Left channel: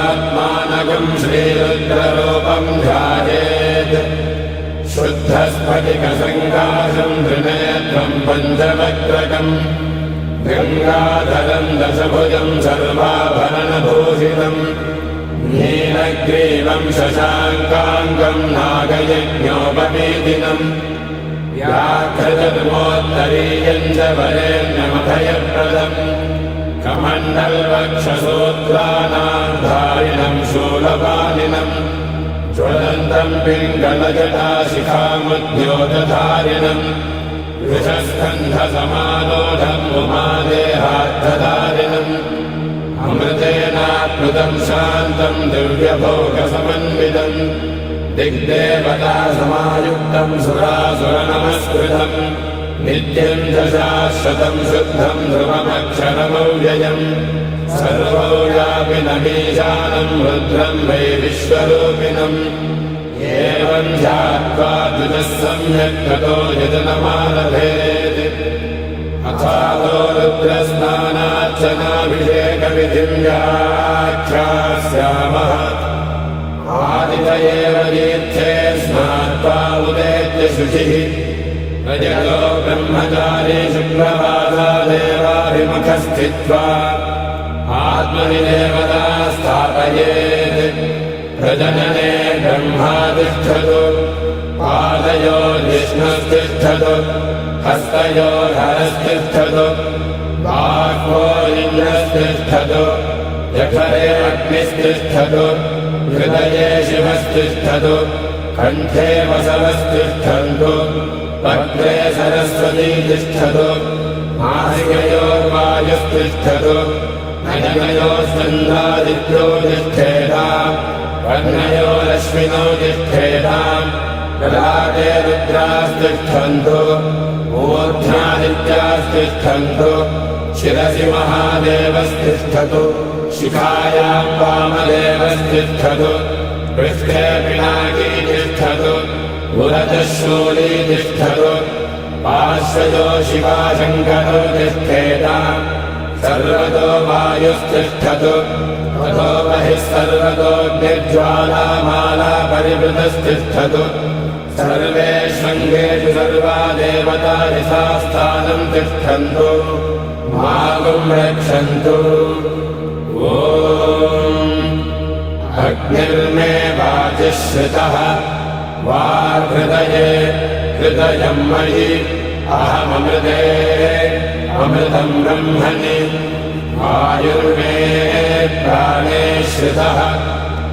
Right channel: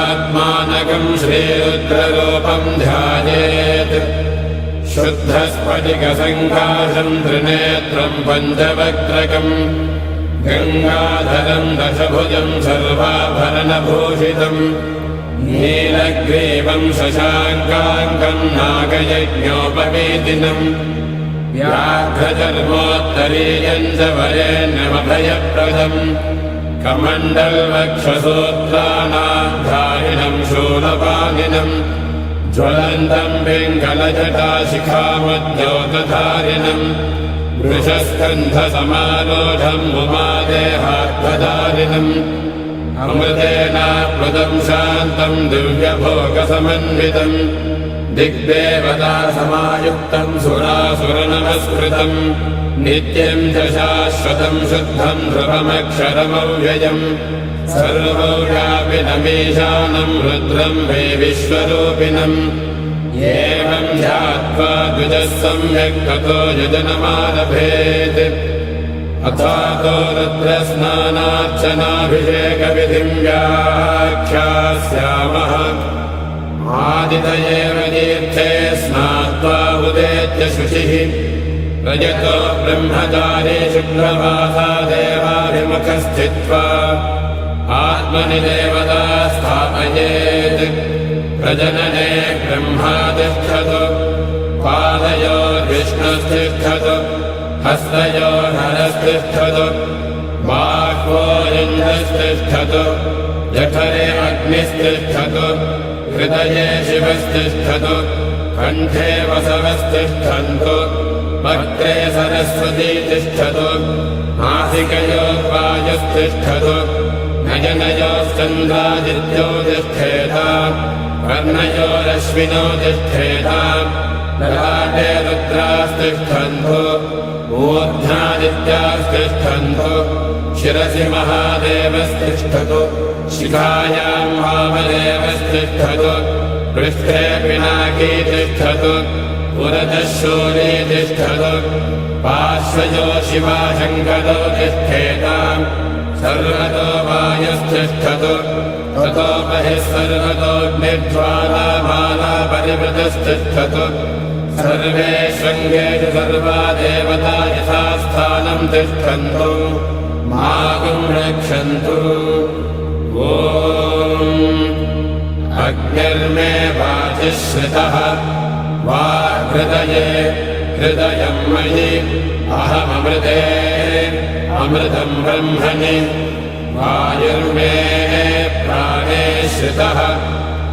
शुद्धात्मानकम् श्रीरुद्ररूपम् ध्यायेत् शुद्धस्फटिकसङ्काशम् त्रिनेत्रम् पञ्चवक्त्रकम् गङ्गाधरम् दशभुजम् सर्वाभरणभूषितम् नीलग्रीवम् शशाङ्काङ्कम् नागयज्ञोपवेदिनम् व्याघ्रधर्मोत्तरीयम् च वरेण्यमभयप्रदम् कमण्डलवक्षसूत्राणाधारिणम् शूलपाणिनम् ज्वलन्तम् पिङ्गलजटाशिखामद्योतधारिणम् वृषस्कन्धसमारोढम् उमादेहार्थधारिणम् अमृतेनाप्लुतम् शान्तम् दिव्यभोगसमन्वितम् दिग्देवता समायुक्तम् सुरासुरनमस्कृतम् नित्यम् च शाश्वतम् शुद्धम् ध्रुवमक्षरमव्ययम् सर्वव्यापिनमीशानम् रुद्रम् वै विश्वरूपिणम् एवम् ध्यात्वा द्विजः सम्यक् ततो यजनमारभेत् अथातो रुद्रस्नानार्चनाभिषेकविधिम् व्याख्यास्यामः आदित एव दीर्थे स्नात्वा उदेत्य शुचिः रजतो ब्रह्मचारी शुक्रवासा देवाभिमुखस्थित्वा आत्मनि देवता स्थापयेत् प्रजनने ब्रह्मा तिष्ठतु पादयोर्विष्णुस्तिष्ठतु हस्तयोर्हरस्तिष्ठतु बाह्वोरिन्द्रस्तिष्ठतु जठरे अग्निस्तिष्ठतु हृदये शिवस्तिष्ठतु कण्ठे वसवस्तिष्ठन्तु वक्त्रे सरस्वती तिष्ठतु नासिकयोः वायुस्तिष्ठतु नयनयोश्चन्द्रादित्यो तिष्ठेताम् कर्णयोरश्विनौ तिष्ठेताम् ललाटे रुद्रास्तिष्ठन्तु मूर्ध्नादित्यास्तिष्ठन्तु शिरसि महादेवस्तिष्ठतु शिखायाम् वामदेवस्तिष्ठतु पृष्ठे पिनाकी तिष्ठतु पुरतः शूली तिष्ठतु पार्श्वजो शिवाशङ्करो तिष्ठेताम् सर्वतो वायुस्तिष्ठतु ततो बहिः सर्वतोऽग्निज्वालामाला परिवृतस्तिष्ठतु सर्वेष्वङ्गेषु सर्वा देवता यथा स्थानम् तिष्ठन्तु मागुम् रक्षन्तु ॐ अग्निर्मे वाचिः श्रितः वाहृदये हृदयम् मयि अहममृते अमृतम् ब्रह्मणि वायुर्मे प्राणे श्रितः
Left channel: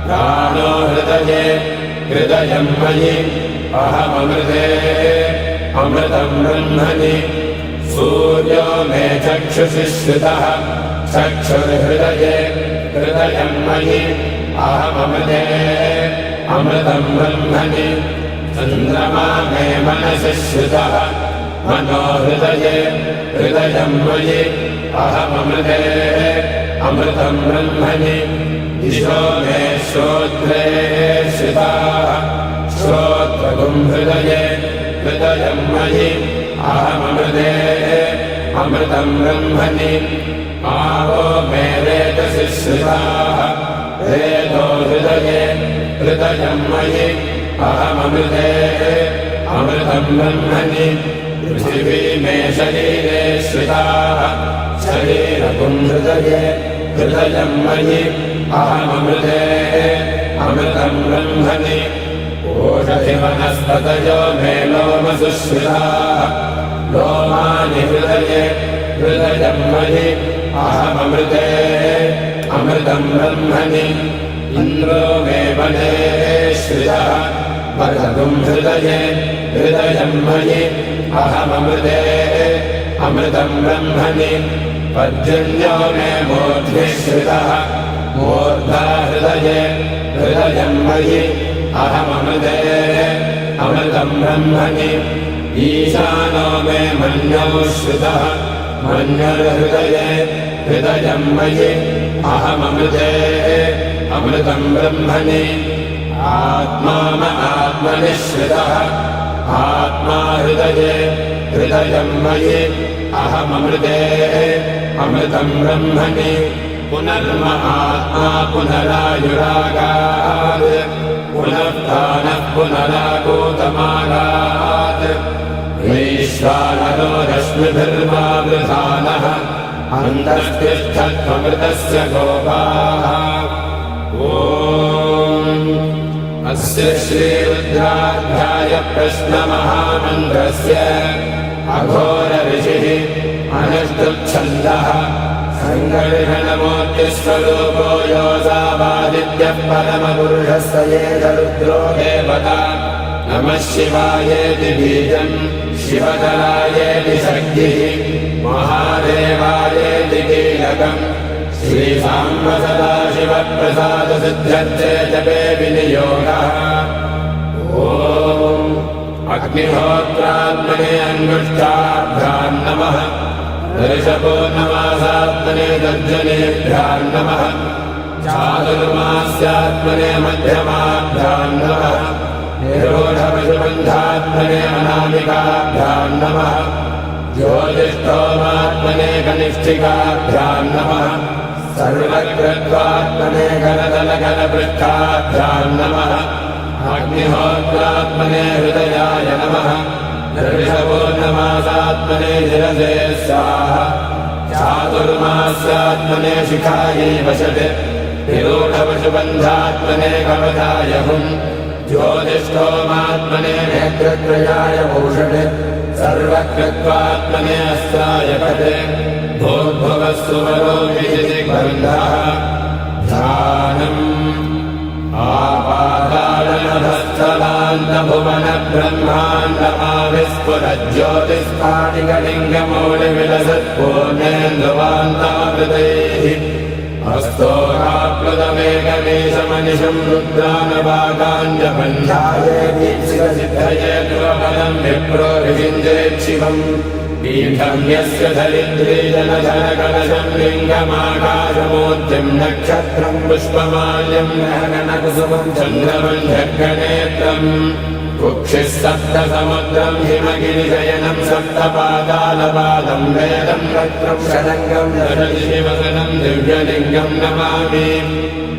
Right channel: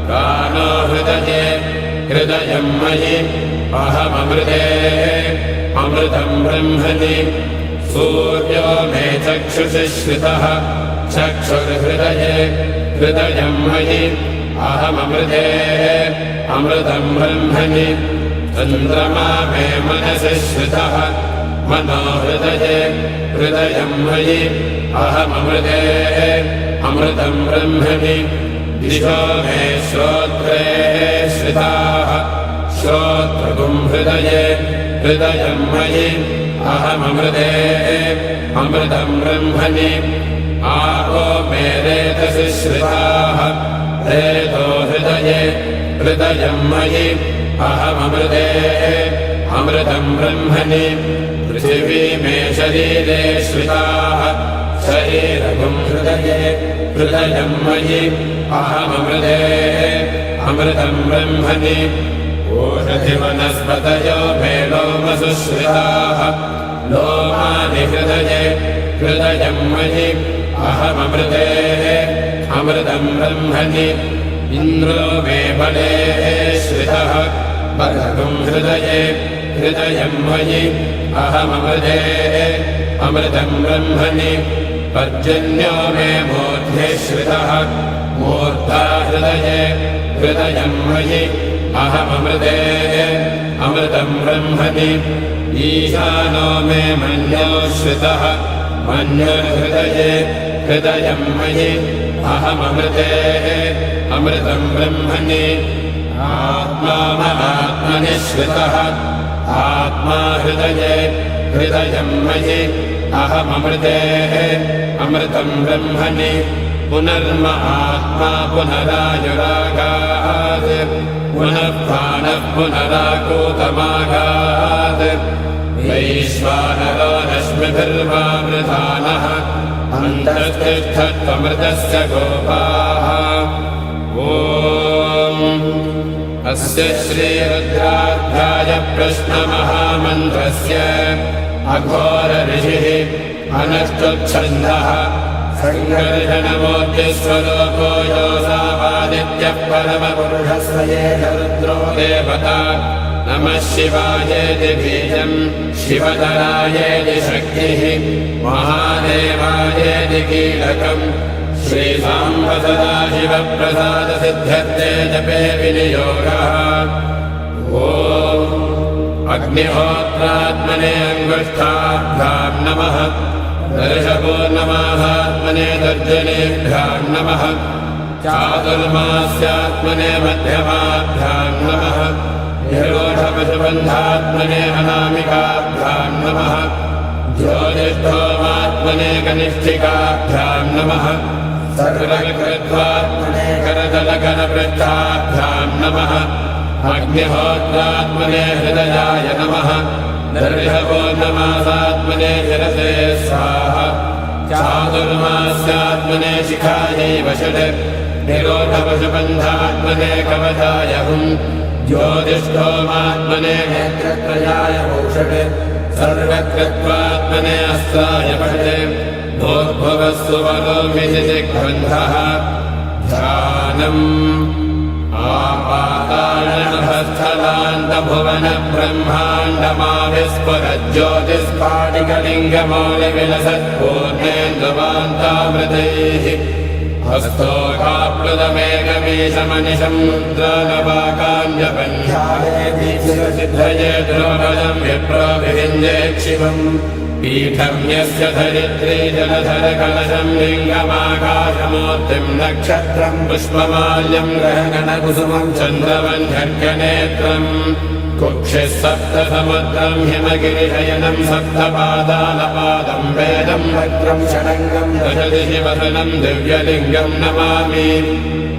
प्राणो हृदये हृदयम् मयि अहममृते अमृतम् ब्रह्मणि सूर्यो मे चक्षुषि श्रितः चक्षुर्हृदये हृदयम् मयि अहममृते अमृतम् ब्रह्मणि चन्द्रमा मे मनसि श्रितः मनो हृदये हृदयम् मयि अहममृते अमृतम् ब्रह्मणि दिशो मे श्रोत्रे श्रिताः श्रोत्रगुम् हृदये हृदयम् मयि अहममृते अमृतम् ब्रह्मणि आपो मे रेतसि श्रिताः रेतो हृदये हृदयम् मयि अहममृते अमृतम् ब्रह्मणि पृथिवी मे शरीरे श्रिताः शरीरगुम् हृदये हृदयम् मयि अहममृते अमृतम् ब्रह्मणि ओषधिवनस्पतयो मे लोमसु श्रिताः लोमानि हृदये हृदयम् मयि अहममृते अमृतम् ब्रह्मणि इन्द्रो मे बले श्रितः बर्हगुम् हृदये हृदयम् मयि अहममृते अमृतम् ब्रह्मणि पर्जन्यो मे मूर्ध्नि श्रितः मूर्धा हृदये हृदयम् मयि अहममृते अमृतम् ब्रह्मणि ईशानो मे मन्यो श्रितः मन्युर्हृदये हृदयम् मयि अहममृते अमृतम् ब्रह्मणि आत्मा मनात्मनि श्रितः आत्मा हृदये हृदयम् मयि अहममृते अमृतम् ब्रह्मणि पुनर्महात्मा पुनरायुरागात् पुनः प्राणः पुनरागोतमागात् वैश्वानरो रश्मिभिर्वावृधानः अन्तस्तिष्ठत्वमृतस्य गोपाः अस्य श्रीरुद्राध्याय प्रश्नमहामन्त्रस्य अघोरऋषिः अनुष्टुप्छन्दः सङ्कर्षणमूर्तिस्वरूपो योऽसावादित्यः परमपुरुषस्य एष रुद्रो देवता नमः शिवायेति बीजम् शिवधरायेति शक्तिः महादेवायेति कीलकम् श्रीसाम्ब सदाशिवप्रसादसिद्ध्यर्थे जपे विनियोगः ॐ अग्निहोत्रात्मने अङ्गुष्ठाभ्याम् नमः दर्शपूर्णमासात्मने दर्जनेभ्याम् नमः चातुर्मास्यात्मने मध्यमाभ्याम् नमः निरोधपशुबन्धात्मने अनामिकाभ्याम् नमः ज्योतिष्ठोमात्मने कनिष्ठिकाभ्याम् नमः सर्वकृत्वात्मने करतलकरपृष्ठाभ्याम् नमः अग्निहोत्रात्मने हृदयाय नमः दर्शपूर्णमासात्मने शिरसे स्वाहा चातुर्मास्यात्मने शिखायै वषट् निरोधपशुबन्धात्मने कवचाय हुम् ज्योतिष्ठोमात्मने नेत्रत्रयाय भूषणे सर्वकृत्वात्मने अस्त्राय भटे भोर्भुवस्सुवरो विशितिग्रन्थः ध्यानम् आपाताळनभस्तलान्तभुवनब्रह्माण्डमाविस्फुरज्योतिस्फाटिकलिङ्गमौलिविलसत्पूर्णेन्दुवान्तामृतैः हस्तोकाप्लुतमेकमीशमनिशम् रुद्रानवाकाञ्जबन्धाये दुर्बलम् विप्रो विविन्द्येच्छिवम् पीठम् यस्य धरित्रे जलधरकलशम् लिङ्गमाकाशमूर्तिम् नक्षत्रम् पुष्पमाल्यम् गहनकुसुमम् चन्द्रमन्ध्यनेत्रम् कुक्षिः सप्तसमुद्रम् हिमगिरिशयनम् सप्तपादालपादम् वेदम् वक्त्रम् षडङ्गम् दशदिशिवसनम् दिव्यलिङ्गम् नमामि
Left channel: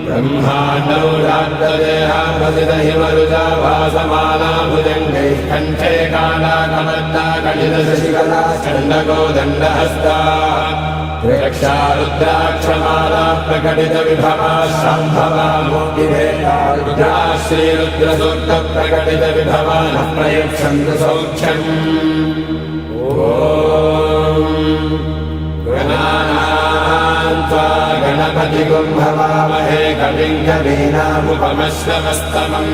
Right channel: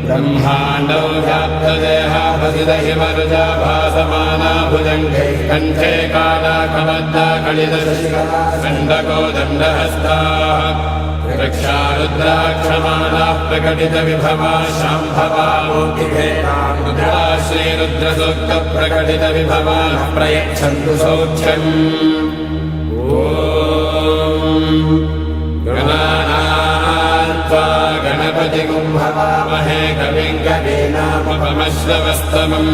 ब्रह्माण्डौ व्याप्तदेहाभसितहिमरुजा भासमाला भुजङ्गैः कण्ठे कालाकमन्दा कलितशशिकला दण्डकोदण्डहस्ताः रक्षा रुद्राक्षमालाः प्रकटितविभवाः शाम्भवा मूर्तिभेदा रुद्रा श्रीरुद्रसूक्तप्रकटितविभवाः प्रयच्छन्तु सौख्यम् गणपतिगुम्भवामहे कविम् कवीनामुपमश्रवस्तमम्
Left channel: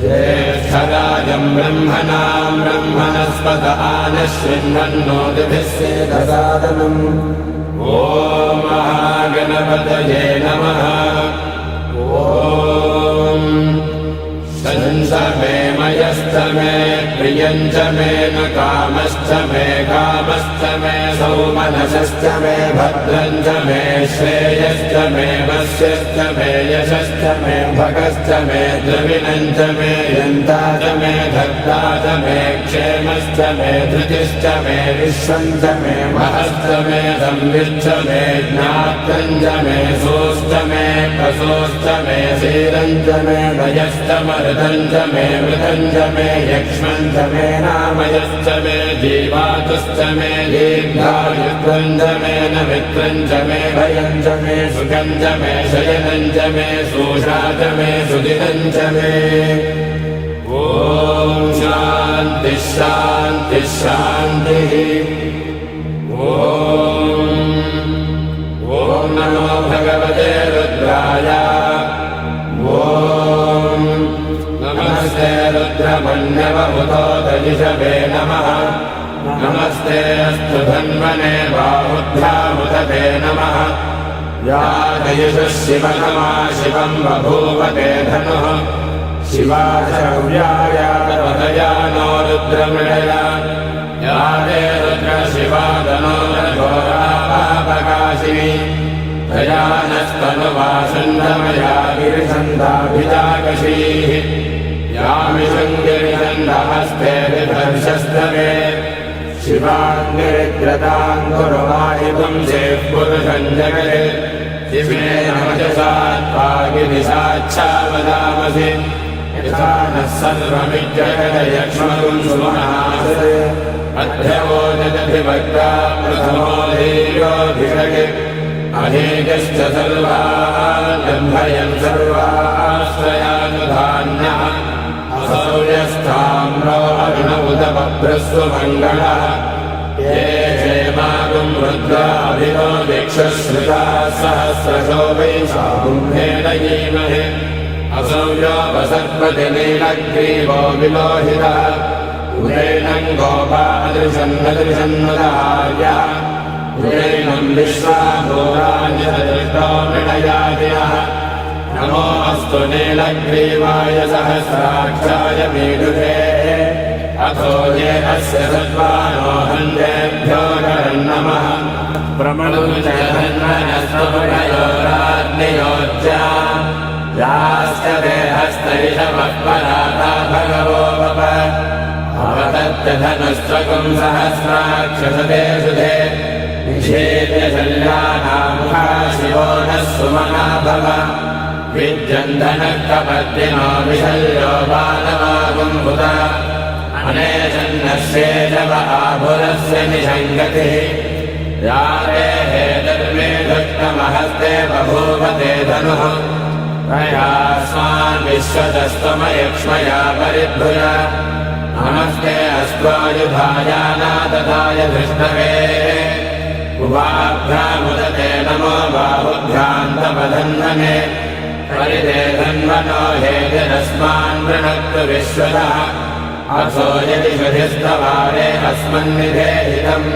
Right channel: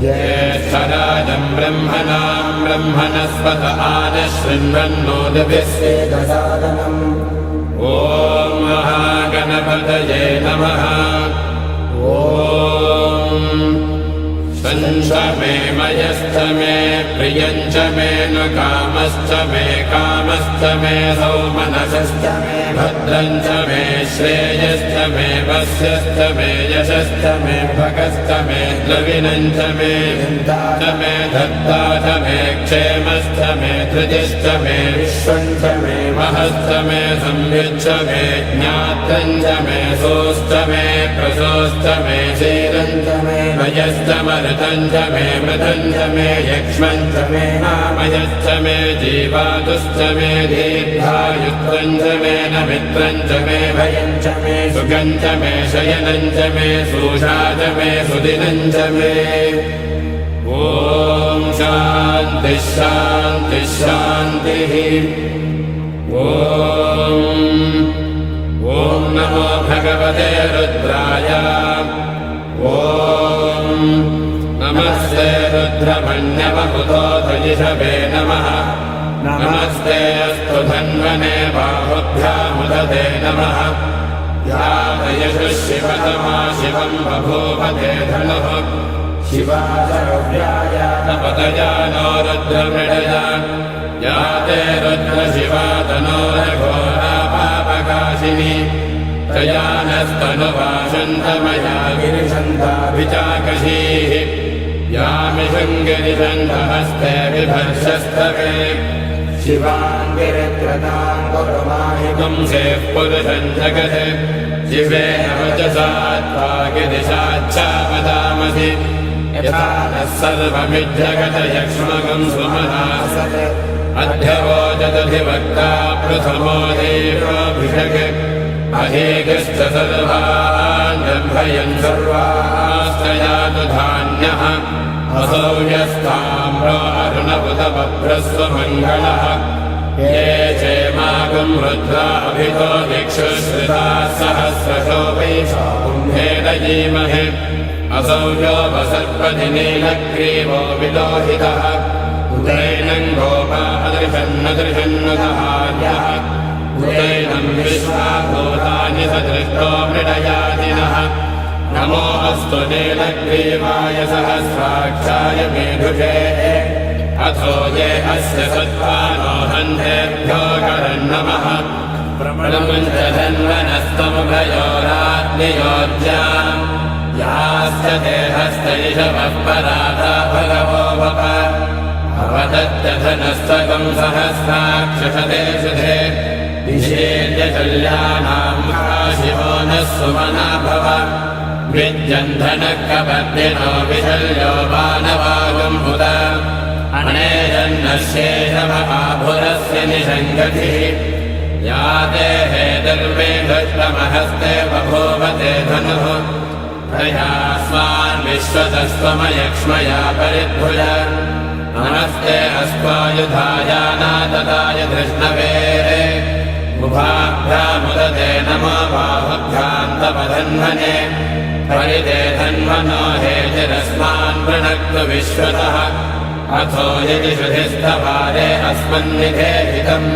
ज्येष्ठराजम् ब्रह्मणाम् ब्रह्मणस्पत आनशृण्वन्नोतिभिः सेदसादनम् ॐ महागणपतये नमः ॐ संशमे मयश्च मे प्रियञ्च मे न कामश्च मे कामश्च मे सौमनसश्च मे भद्रञ्च मे श्रेयश्च मे वस्यश्च मे यशश्च मे भगश्च मे द्रविणञ्च मे दन्ता च मे धत्ता च मे क्षेमश्च मे धृतिश्च मे विश्वञ्च मे महश्च मे संविच्च मे ज्ञात्रञ्च मे सोश्च मे प्रसोश्च मे शीरञ्च मे भयश्च मरुतञ्च मे मृतञ्च मे यक्ष्मञ्च मे नामयश्च मे जीवातुश्च मे दीर्घायुत्वञ्च मे नमित्रञ्च मे भयञ्च मे सुखञ्च मे शयनञ्च मे सूषा च मे सुदिनञ्च मे ॐ शान्तिः शान्तिः शान्तिः ॐ नमो भगवते रुद्राय नमस्ते रुद्रमन्यवहुतोतजिषवे नमः नमस्ते अस्तु धन्वने बाहुभ्यामुदते नमः यातयुषः शिवतमा शिवम् बभूवते धनुः शिवाशव्यायापदया नो रुद्रमृडया याते रुद्रशिवा तनोरघोरापापकाशिनी तया नस्तनुवासुन्दमया गिरिषन्दाभिजाकशीः यामिषङ्गिरिषन्धहस्ते बिभर्षस्तवे शिवाङ्गेत्रताम् गुरुमाहि वंशेः पुरुषम् जगत् शिवेन वचसा त्वा गिरिशाच्छावदामसि यथा नः सर्वमिज्जगदयक्ष्मगं सुमहासये अध्यवोजदधिवक्ता प्रथमो देवाभिषक् अहेकश्च सर्वाण्यम्भयन् सर्वास्त्रयानुधान्यः असौर्यस्ताम्रो अर्णवुतमभ्रस्वमङ्गलः ये क्षेमागं रुद्राभितो दिक्षुश्रिता सहस्रशो वै कुम्भेन जीमहे असंयोपसर्पतिनीलग्रीवो विलोहितः उग्रैनं गोपा अदृशन्नदृशन्नतहार्यः उग्रैनं विश्वाभूतानि सदृष्टो मृडयादिनः नमो अस्तु नीलग्रीवाय सहस्राक्षाय मेधुषे अथो ये अस्य सत्त्वानो हन्येभ्यो करन्नमः प्रबलमञ्जधन्वनस्तमुभयोराग्नियोज्या याश्च देहस्तैषवः पराता भगवो वप अवतत्यधनस्त्वकं सहस्राक्षसदे सुधे विशेद्यशल्यानां शिवो नः सुमना भव विद्यन्धनकपद्मिनो विशल्यो मानवागुम्भुत अनेशन्नशेषव आभुरस्य निषङ्गतिः या देहे धर्मे धृष्टमहस्ते बभूवते धनुः प्रयास्वान् विश्वतस्त्वमयक्ष्मया परिभुज नमस्ते अस्त्वायुधायानातदाय धृष्णवे उभाभ्यामुदते नमो बाहुभ्यान्तमधन्वने परिते धन्वनो हे जनस्मान् प्रणक्तु विश्वतः अथो यदि श्रुतिस्तवारे अस्मन्निधे हितम्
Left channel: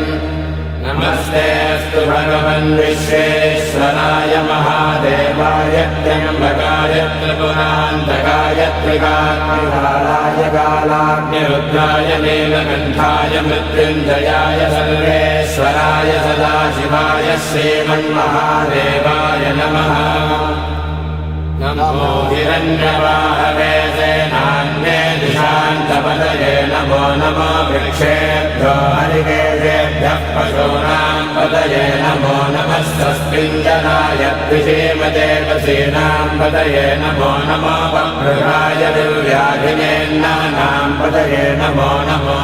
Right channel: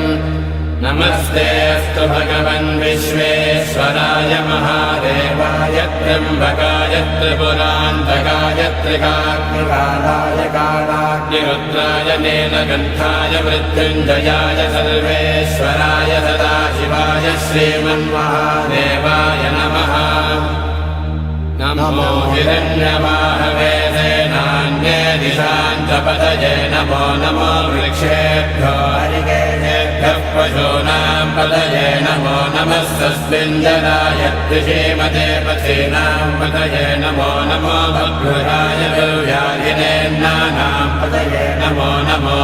नमस्ते अस्तु भगवन् विश्वेश्वराय महादेवाय त्र्यम्बकाय त्रिपुरान्तकाय त्रिकाग्निकालाय कालाग्निरुद्राय नीलकण्ठाय मृत्युञ्जयाय सर्वेश्वराय सदाशिवाय श्रीमन्महादेवाय नमः नमो हिरण्यवाहवे सेनान्ये दिशान्तपतये नमो नमो वृक्षेभ्यो हरिकेशेभ्यः पशूनां पतये नमो नमः सस्मिञ्जलाय त्रिषीमते पथीनां पतये नमो नमो वक्रुहाय विव्याधिनेन्नानां पतये नमो नमो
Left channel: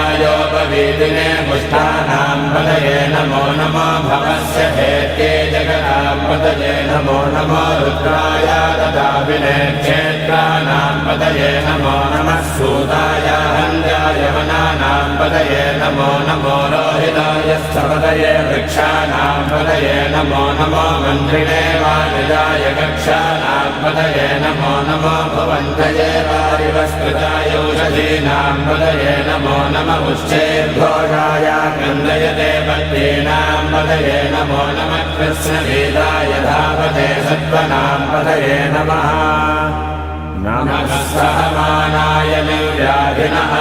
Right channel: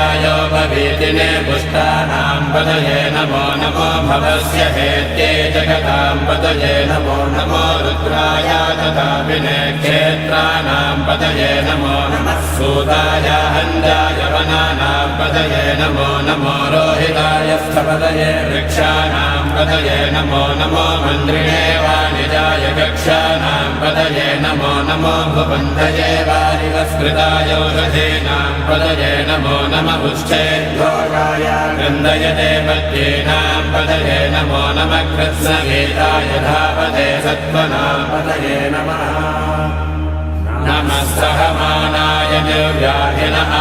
हरिकेशायोपवीतिने पुष्टानां पतये नमो नमो भवस्य हेत्ये जगतां पतये नमो नमो रुद्राय तथा विनेक्षेत्राणां पतये नमो नमः सूताय हञ्जाय वनानां पतये नमो नमो रोहिताय स्थपतये वृक्षाणां पतये नमो नमो मन्त्रिणे वाणिजाय कक्षाणां पतये नमो नमो भुवन्तये वारिवस्कृताय औषधीनां पतये नमो नमः पुष्टेभ्योजाय गन्धयते पद्येनां पतये नमो नमः कृत्स्नवेदाय धावते सत्त्वनां पतये नमः नमः सहमानाय निर्व्याधिनः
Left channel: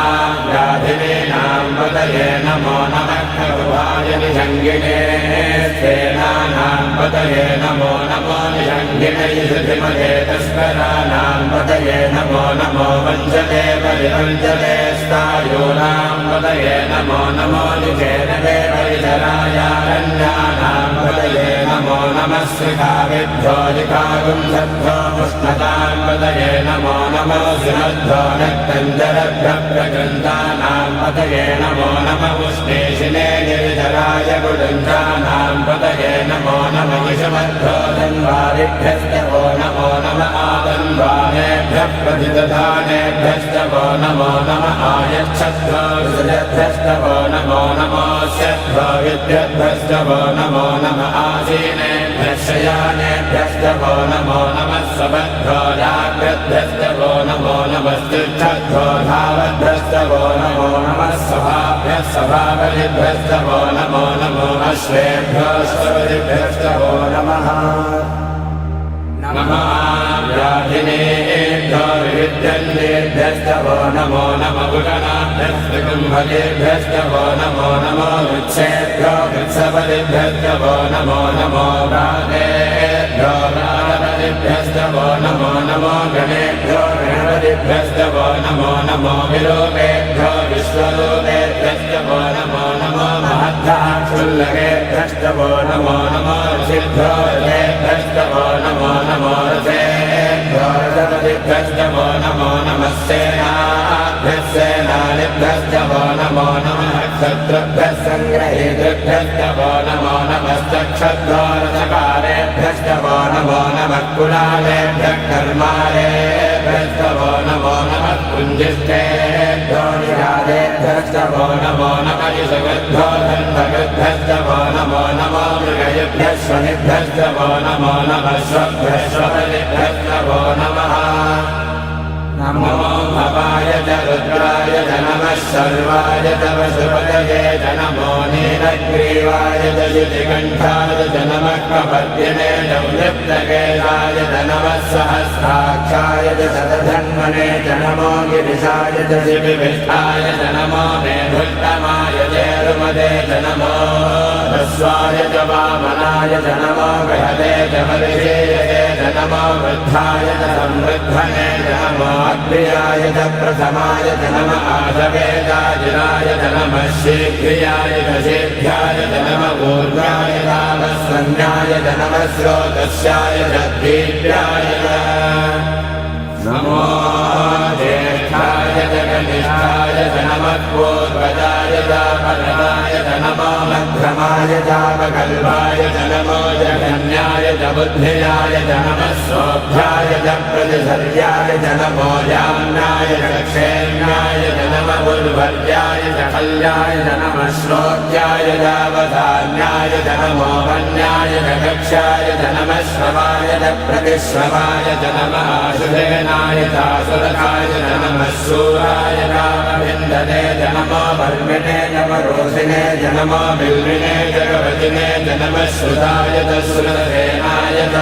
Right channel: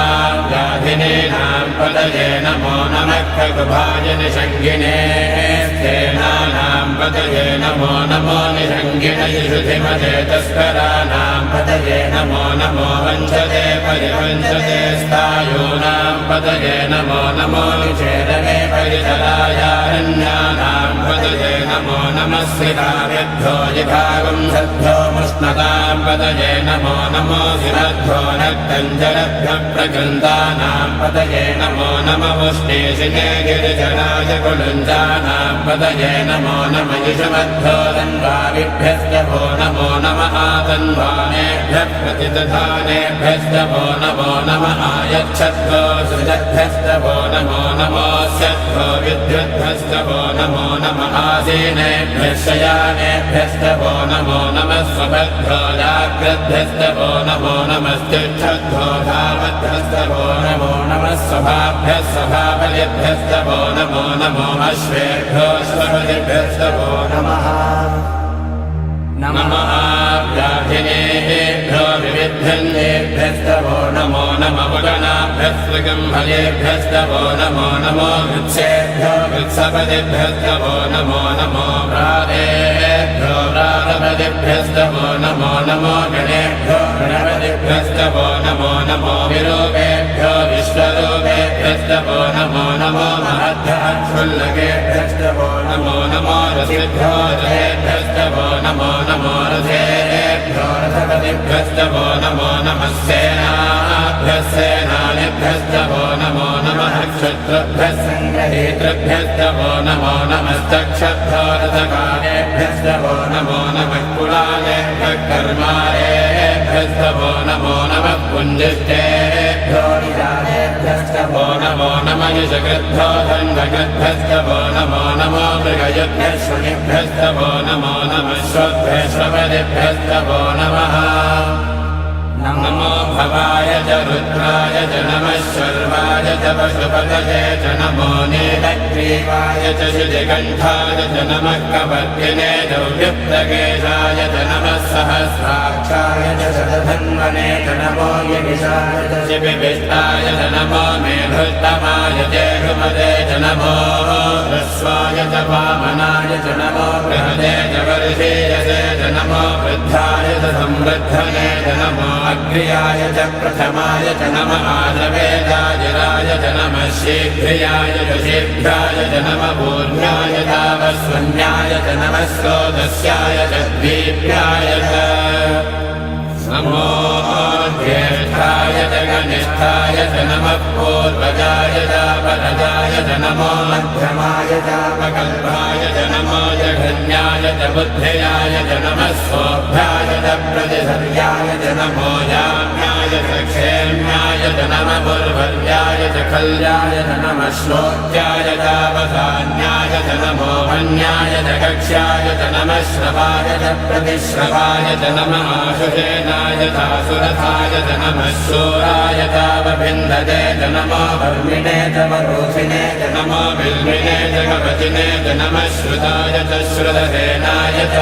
व्याधिनीनां पतये नमो नमः खगुभाय निषङ्गिने स्थेनानां पतये नमो नमो निषङ्गिनैषधिमते तस्कराणां पतये नमो नमो वञ्चते परिवञ्चते स्थायूनां पतये नमो नमो निचेरवे परिचरायारण्यानां पतये नमो नमः श्रिताभ्यो जिघागुं सद्भ्यो मुष्णतां पतये नमो नमो सिरद्भ्यो नक्तञ्जलभ्यः प्रकृन्तानां पतये नमो नमः पुष्णेशिने गिरिजराय कुडुञ्जानां पतये नमो नमः युषमद्भ्यो तन्वारिभ्यस्तभो नमो नमः आतन्वानेभ्यः प्रतिदधानेभ्यस्तभो नमो नमः आयच्छद्भ्यो सुदभ्यस्तभो नमो नमोऽस्यद्भ्यो विद्युद्भ्यस्तभो नमो नमः आसीनेभ्यः शयानेभ्यस्तभो नमो नमः स्वभद्भ्यो जाग्रद्भ्यस्तभो नमो नमस्त्युच्छद्भ्यो धामद्भ्यस्तभो नमो नमः सभाभ्यः सभाबलिभ्यस्तभो नमो नमो अश्वेभ्योऽश्वपतिभ्यस्तभो नमः नमः व्याधिनेभ्यो विविद्धन्नेभ्यस्तभो नमो नमः पुगणाभ्यस्तृगम्भलेभ्यस्तभो नमो नमो वृत्सेभ्यो वृत्सपतिभ्यस्तभो नमो नमो भ्रातेभ्यो भ्रातपतिभ्यस्तभो नमो नमो गणेभ्यो गणपतिभ्यस्तभो नमो नमो विरूपेभ्यो विश्वरूपेभ्यस्तभो नमो नमो महद्धाक्षुल्लकेभ्यस्त रथेभ्यस्तवो नमो नमो ऋषिभ्यो रथेभ्यस्तवो नमो नमो रथेभ्यो रथपतिभ्यस्तवो नमो नमः सेनाभ्यः सेनानिभ्यस्तवो नमो नमः क्षत्रुभ्यः सङ्ग्रहेतृभ्यस्तवो नमो नमश्चक्षभ्यो रथकालेभ्यस्तवो नमो नमः कुणालेभ्यः कर्मालेभ्यस्तवो नमो नमः कुञ्जिष्टेभ्यो निरालेभ्यस्तवो नमो नमः युषकृभ्यो धन्वकृभ्यस्तवो नमो नमो मृगयभ्यः श्वनिभ्यस्तवो नमो नमः श्वभ्यः श्वपदिभ्यस्तवो नमः नमो भवाय च रुद्राय च नमः शर्वाय च पशुपतये च नमो नीलग्रीवाय च शितिकण्ठाय च नमः कपर्दिने दौर्यप्तकेशाय च नमः सहस्राक्षाय च शतधन्वने च नमो गिरिशाय च शिबिभिष्ठाय च नमो मेघोत्तमाय चेरुमदे च नमो ह्रस्वाय च वामनाय च नमो बृहदे च वर्षेयसे च नमो वृद्धाय च संवृद्धने च नमो अग्र्याय च प्रथमाय च नमः आदवेदाजिराय च नमः शीघ्रियाय च शीघ्राय च नमः ऊर्ध्वाय तावस्वन्याय च नमः स्रोतस्याय च दीप्याय च नमो ज्येष्ठाय च कनिष्ठाय च नमः पूर्वजाय चापरदाय च नमो मध्यमाय चापकल्पाय च नमो जघन्याय च बुद्धियाय च नमः स्वोभ्याय च प्रतिसर्याय च नमो याम्याय च क्षेम्याय च नमः पुर्वर्याय च कल्याय च नमः श्लोक्याय चावधान्याय च नमो वन्याय च कक्ष्याय च नमः श्रवाय च प्रतिश्रवाय च नमः आशुधेनाय चासुरथाय च नमः शूराय तावभिन्दते च नमो वर्मिणे च वरोषिणे च नमो बिल्विने च कवचिने च नमः श्रुताय च श्रुतसेनाय च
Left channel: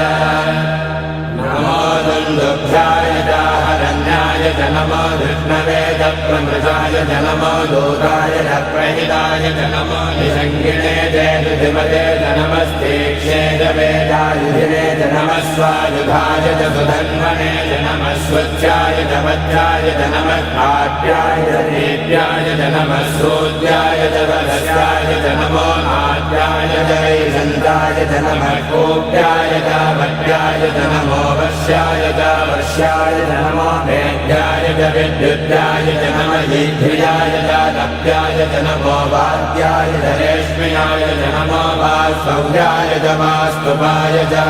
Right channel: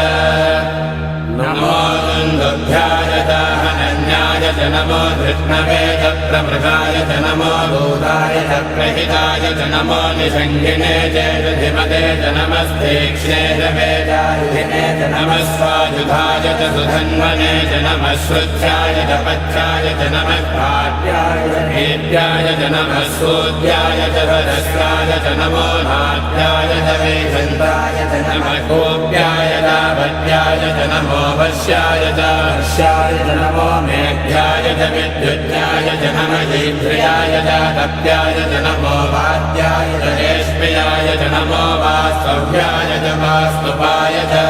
नमो दुन्दुभ्याय चाहनन्याय च नमो धृष्णवे च प्रमृगाय च नमो दूताय च प्रहिताय च नमो निषङ्गिने चेदधिमते च नमस्तीक्ष्णे च वेदायुधिने च नमः स्वायुधाय च सुधन्वने च नमः श्रुत्याय च पद्याय च नमः काव्याय च नेत्याय च नमः सूत्याय च सदस्याय च नमो नाट्याय च वैजन्ताय च नमः कोप्याय च पद्याय च नमो वश्याय च वर्ष्याय च नमो मेघ्याय च विद्युद्याय च नमः ईभ्रियाय च तप्याय च नमो वाद्याय च रेश्म्याय च नमो वास्तव्याय च वास्तुपाय च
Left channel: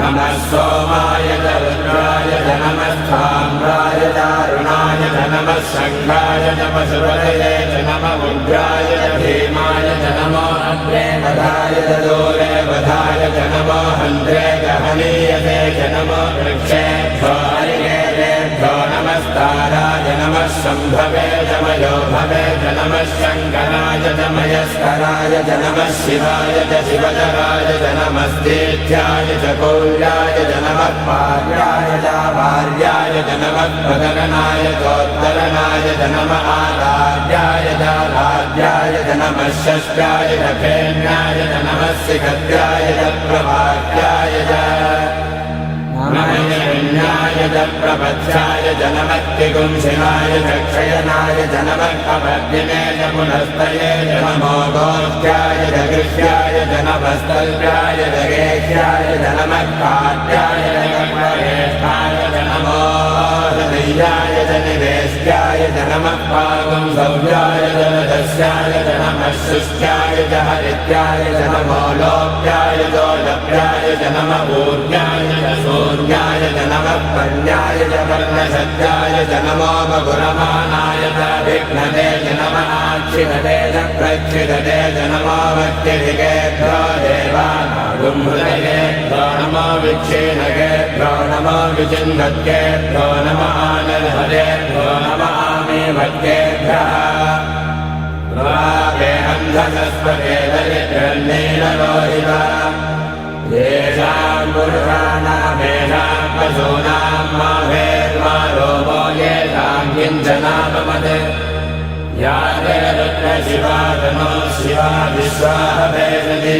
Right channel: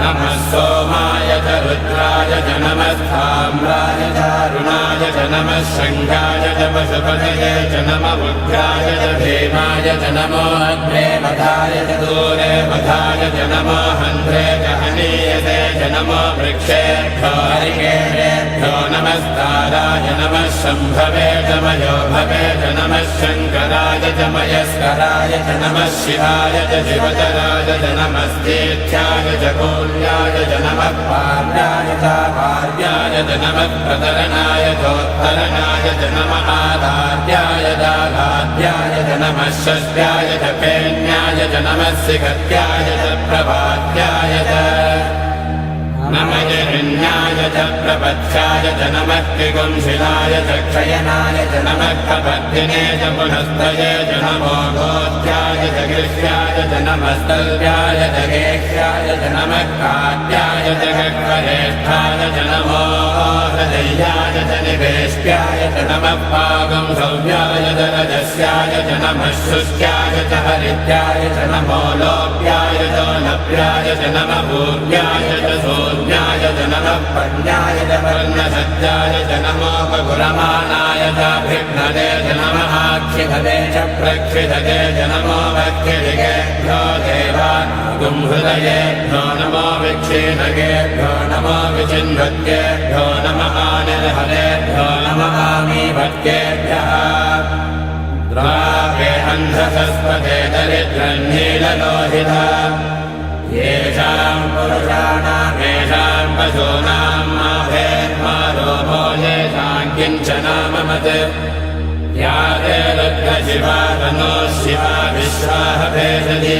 नमः सोमाय च रुद्राय च नमः स्थाम्राय च अरुणाय च नमः शङ्खाय च पशुपतये च नमः उग्राय च भीमाय च नमो अग्रे वधाय च दूरे वधाय च नमो हन्त्रे च हनीयते च नमो वृक्षेभ्यो हरिकेभ्यो नमस्ताराय नमः शम्भवे च मयोभवे च नमः शङ्कराय च मयस्कराय च नमः शिवाय च शिवतराय च नमस्तेत्याय च कौल्याय च नमः पार्याय च पार्याय च नमः प्रतरणाय चोत्तरणाय च नमः आराध्याय च आराध्याय च नमः षष्ट्याय च फेन्याय च नमः सिकत्याय च प्रभात्याय च नमः जरण्याय च प्रपथ्याय च नमः किकुंसिनाय च क्षयनाय च नमः कपद्दिने च पुनस्तये च नमो गोष्ठ्याय च गृह्याय च नमस्तल्प्याय च गेह्याय च नमः काट्याय च कक्वरेष्ठाय च नमो हृदयाय च निवेष्ट्याय च नमः पाकं सौर्याय च रजस्याय च नमः शुष्क्याय च हरित्याय च नमो लोप्याय च लप्याय च नमः भूर्याय च सोऽन्याय च नमः पर्याय च पर्णसत्याय च नमो बगुरमानाय च विघ्नते च नमः आक्षिपते च प्रक्षिपते च नमो वक्यधिकेभ्यो देवानागुंहृदयेभ्यो नमो विक्षीणकेभ्यो नमो विचिन्वत्केभ्यो नमः आनिर्हरेभ्यो नमः आमीवत्केभ्यः प्रापे अन्धसस्पते दरिद्रन्नीललोहिता येषाम् पुरुषाणामेषाम् पशूनाम् माभेर्मारोपो येषाम् किञ्चनाममत् या ते रुद्रशिवा तनो शिवा विश्वाः भेषति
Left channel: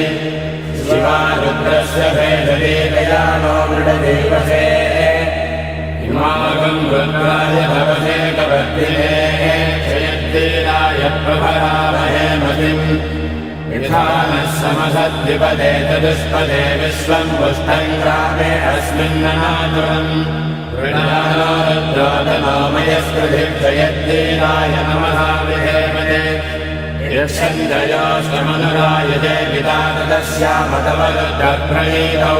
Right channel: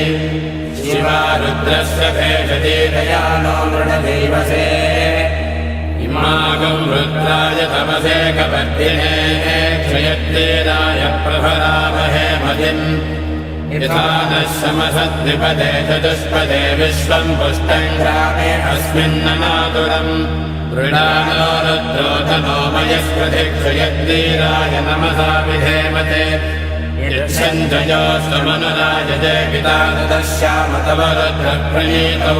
शिवा रुद्रस्य भेषति दयानो मृडदेवसे इमागम् रुद्राय तपसे कवर्धिने क्षयत्तीराय प्रभरामहे मतिम् यथा नः समसद्विपदे चतुष्पदे विश्वम् पुष्टम् ग्रामे अस्मिन्ननातुरम् वृणानो रुद्रोधनो मयस्पृथिक्षयत्तीराय नमः विधेमते यच्छन्दयोस्तमनुरायजे पिता तदस्यामतवरुद्रप्रणीतौ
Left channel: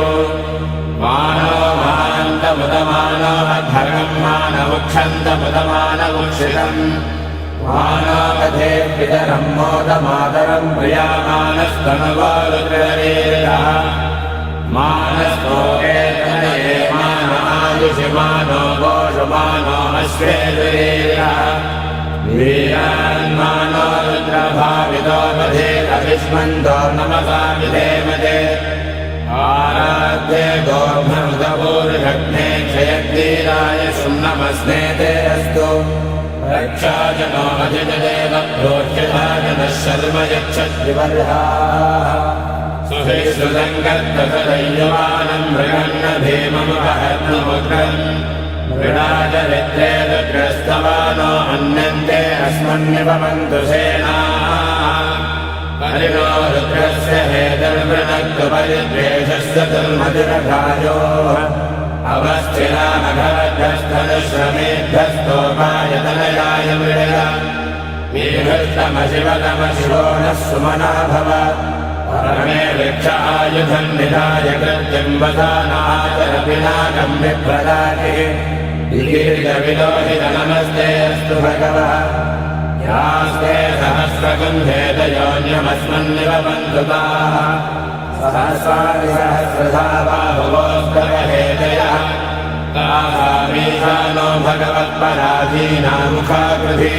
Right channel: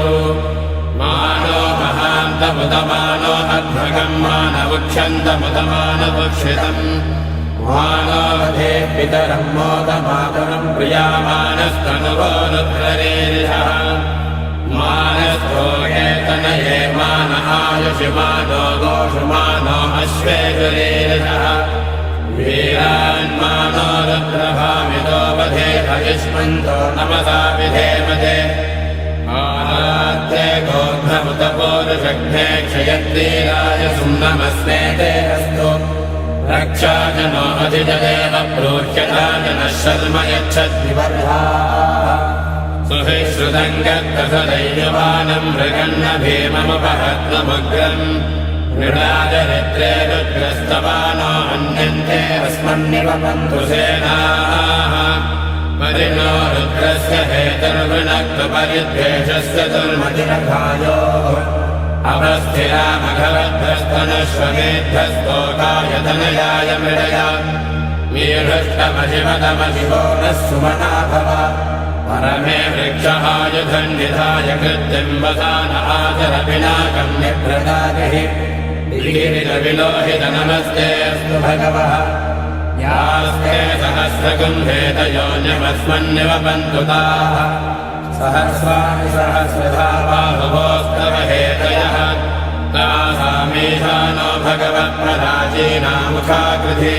मानो महान्तमुदमानो अध्वर्गम् मानवुक्षन्तमुदमानवुक्षितम् मानो वधे पितरम् मोदमातरम् प्रियामानस्तनुवो रुद्ररीरिषः मानस्तोकेतनये मान आयुषिमानो गोषुमानो अश्वेजुरीरिषः वीरान्मानो रुद्रभावितो वधेत इष्मन्तो नमसा विधेमते आराध्ये गोर्धमुदपूरुषघ्ने क्षयत्तीराय सुम्नमस्मे ते अस्तु रक्षाजनो अधिजदेव प्रोह्यताजनः शर्म यच्छद्विवर्हा सुहिश्रुतम् गर्दसदैर्यमानम् मृगन्न भीममुपहत्नमुग्रम् मृडाचरित्रे रुद्रस्तवानो हन्यन्ते अस्मन्निवमन्तु सेनाः परिणो रुद्रस्य हेतर्वृणक्तपरिद्वेषस्य दुर्मतिरथायोः अवस्थिनामघवद्भस्तनश्रमेद्धस्तोकायतनयाय मृडय वीहृष्टमशिवतमशिवो नः सुमना भव परमे वृक्षायुधम् निधाय कृत्यम् वधान आचर पिनाकम् विप्रदातिः लीलितविलोहित नमस्ते अस्तु भगवः यास्ते सहस्रकुम्भेतयोन्यमस्मन्निवपन्तु ताः सहस्रादिसहस्रधा बाहुवोस्तवहेतयः तासामीशानो भगवत्पराचीनामुखाकृति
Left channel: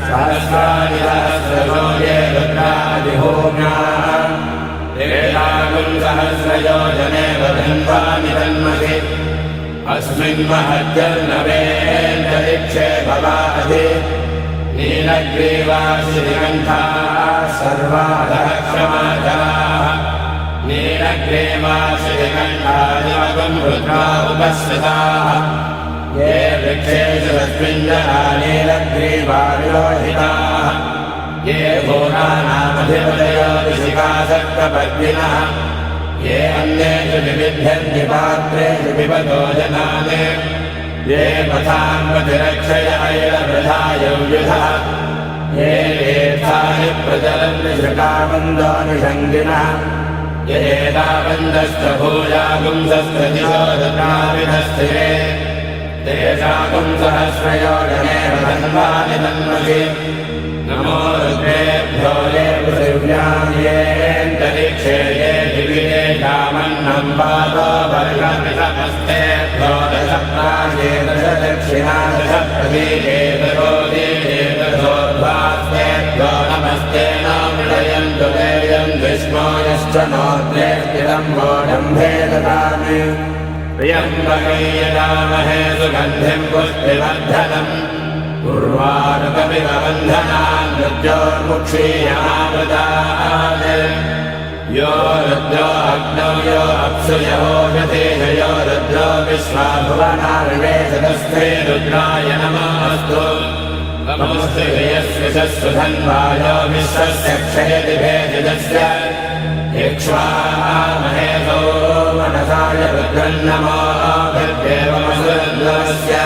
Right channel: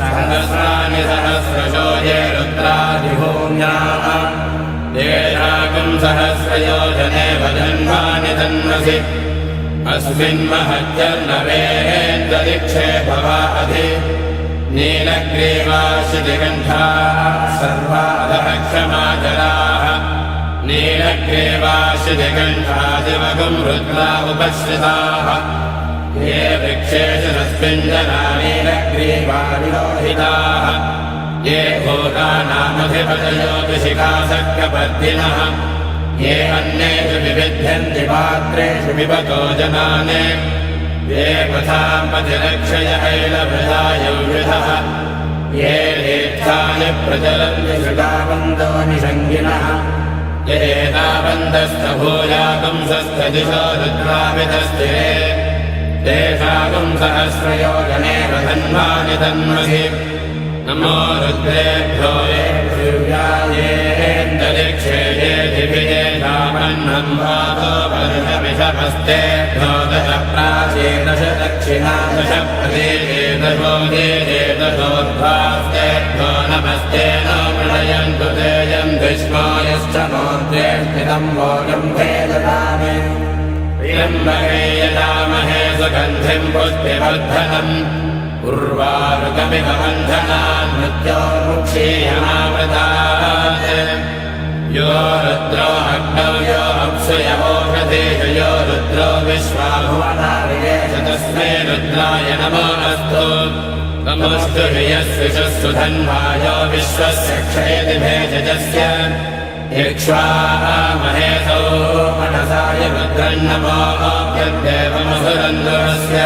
सहस्राणि सहस्रशो ये रुद्रादिभूम्याः येषाकम् सहस्रयोजने वदन्वानि तन्मसि अस्मिन् महज्जर्नवेन्ददिक्षे भवाधि नीलग्रीवाशिनिगन्धाः सर्वादः क्षमाचराः नीलग्रीवाशिनिगन्धादिवगुम् रुद्रा उपश्रिताः ये वृक्षेषु तस्मिञ्जना नीलग्रीवाविरोहिताः ये भूतानामधिपतयो दिशिखासक्तपद्मिनः ये अन्येषु विविध्यन्ति पात्रेषु पिबतो जनान् ये पथाम् प्रतिरक्षय ऐलवृथायौषधः ये तीर्थानि प्रचरन्ति श्रुताबन्धानि सङ्गिनः येताबन्धस्तभूयागुंसस्तदिशो रुद्राविधस्थिरे तेषागुम् सहस्रयोजने वदन्वानि तन्मसि नमो रुद्रेभ्यो ये पृथिव्यान्येऽन्तरिक्षे ये दिभिजे कामन्नम् पादो वर्णमिषमस्ते द्वादश प्राचीदश दक्षिणा दश प्रदीपेतगोदीपेतगोद्भास्ते द्वो नमस्ते नामृणयन्तु तेयम् विष्णो यश्च नो त्वेष्टिदम् वोडम्भे ददामि प्रियम्बके यदामहे सुगन्धिम् पुष्टिवर्धनम् उर्वारुकमिव बन्धनाम् मृत्योर्मुक्षीयमावृतात् यो रुद्रो अग्नौ यो अप्सुयवोषधीश यो रुद्रो विश्वाभुवनार्येष तस्मै रुद्राय नमोऽस्तु नमोऽस्तु यस्विषस्सु धन्वायो विश्वस्य क्षेति भेषजस्य इक्ष्वामहेतो मनसाय रुद्रन्नमो भद्देवमसुरन्दरस्य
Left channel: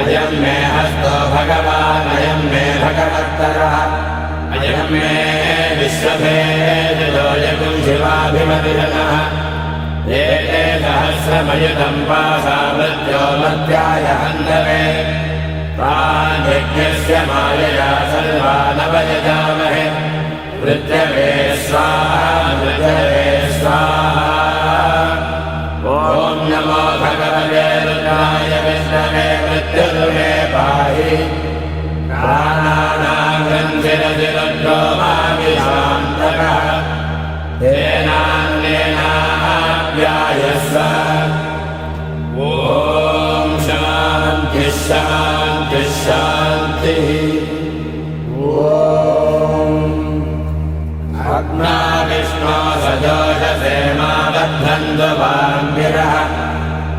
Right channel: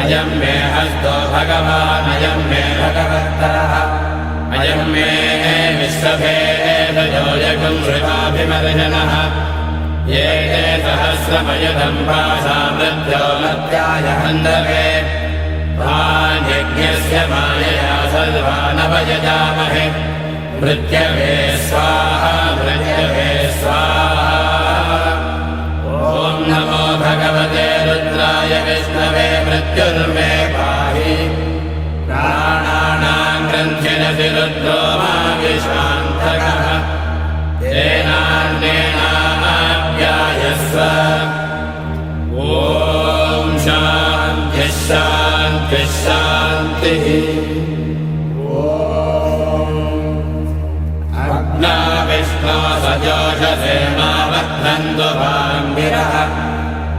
अयम् मे हस्तो भगवान् अयम् मे भगवत्तरः अयम् मे विश्वभेदयोऽयगुम् शिवाभिमर्जनः एते सहस्रमयुधम् पाशामृत्यो मध्याय हन्तवे तान्यज्ञस्य मायया सर्वानवयजामहे मृत्यवे स्वाहा मृत्यवे स्वाहा ॐ नमो भगवते रुद्राय विष्णवे मृत्युर्मे पाहि प्राणानाम् ग्रन्थिरसि रुद्रो मा विश्वान्तकः तेनान्येनाप्यायस्व ॐ शान्तिः शान्तिः शान्तिः अग्ना विष्णो सजोषसे मामध्नन्तु वाङ्गिरः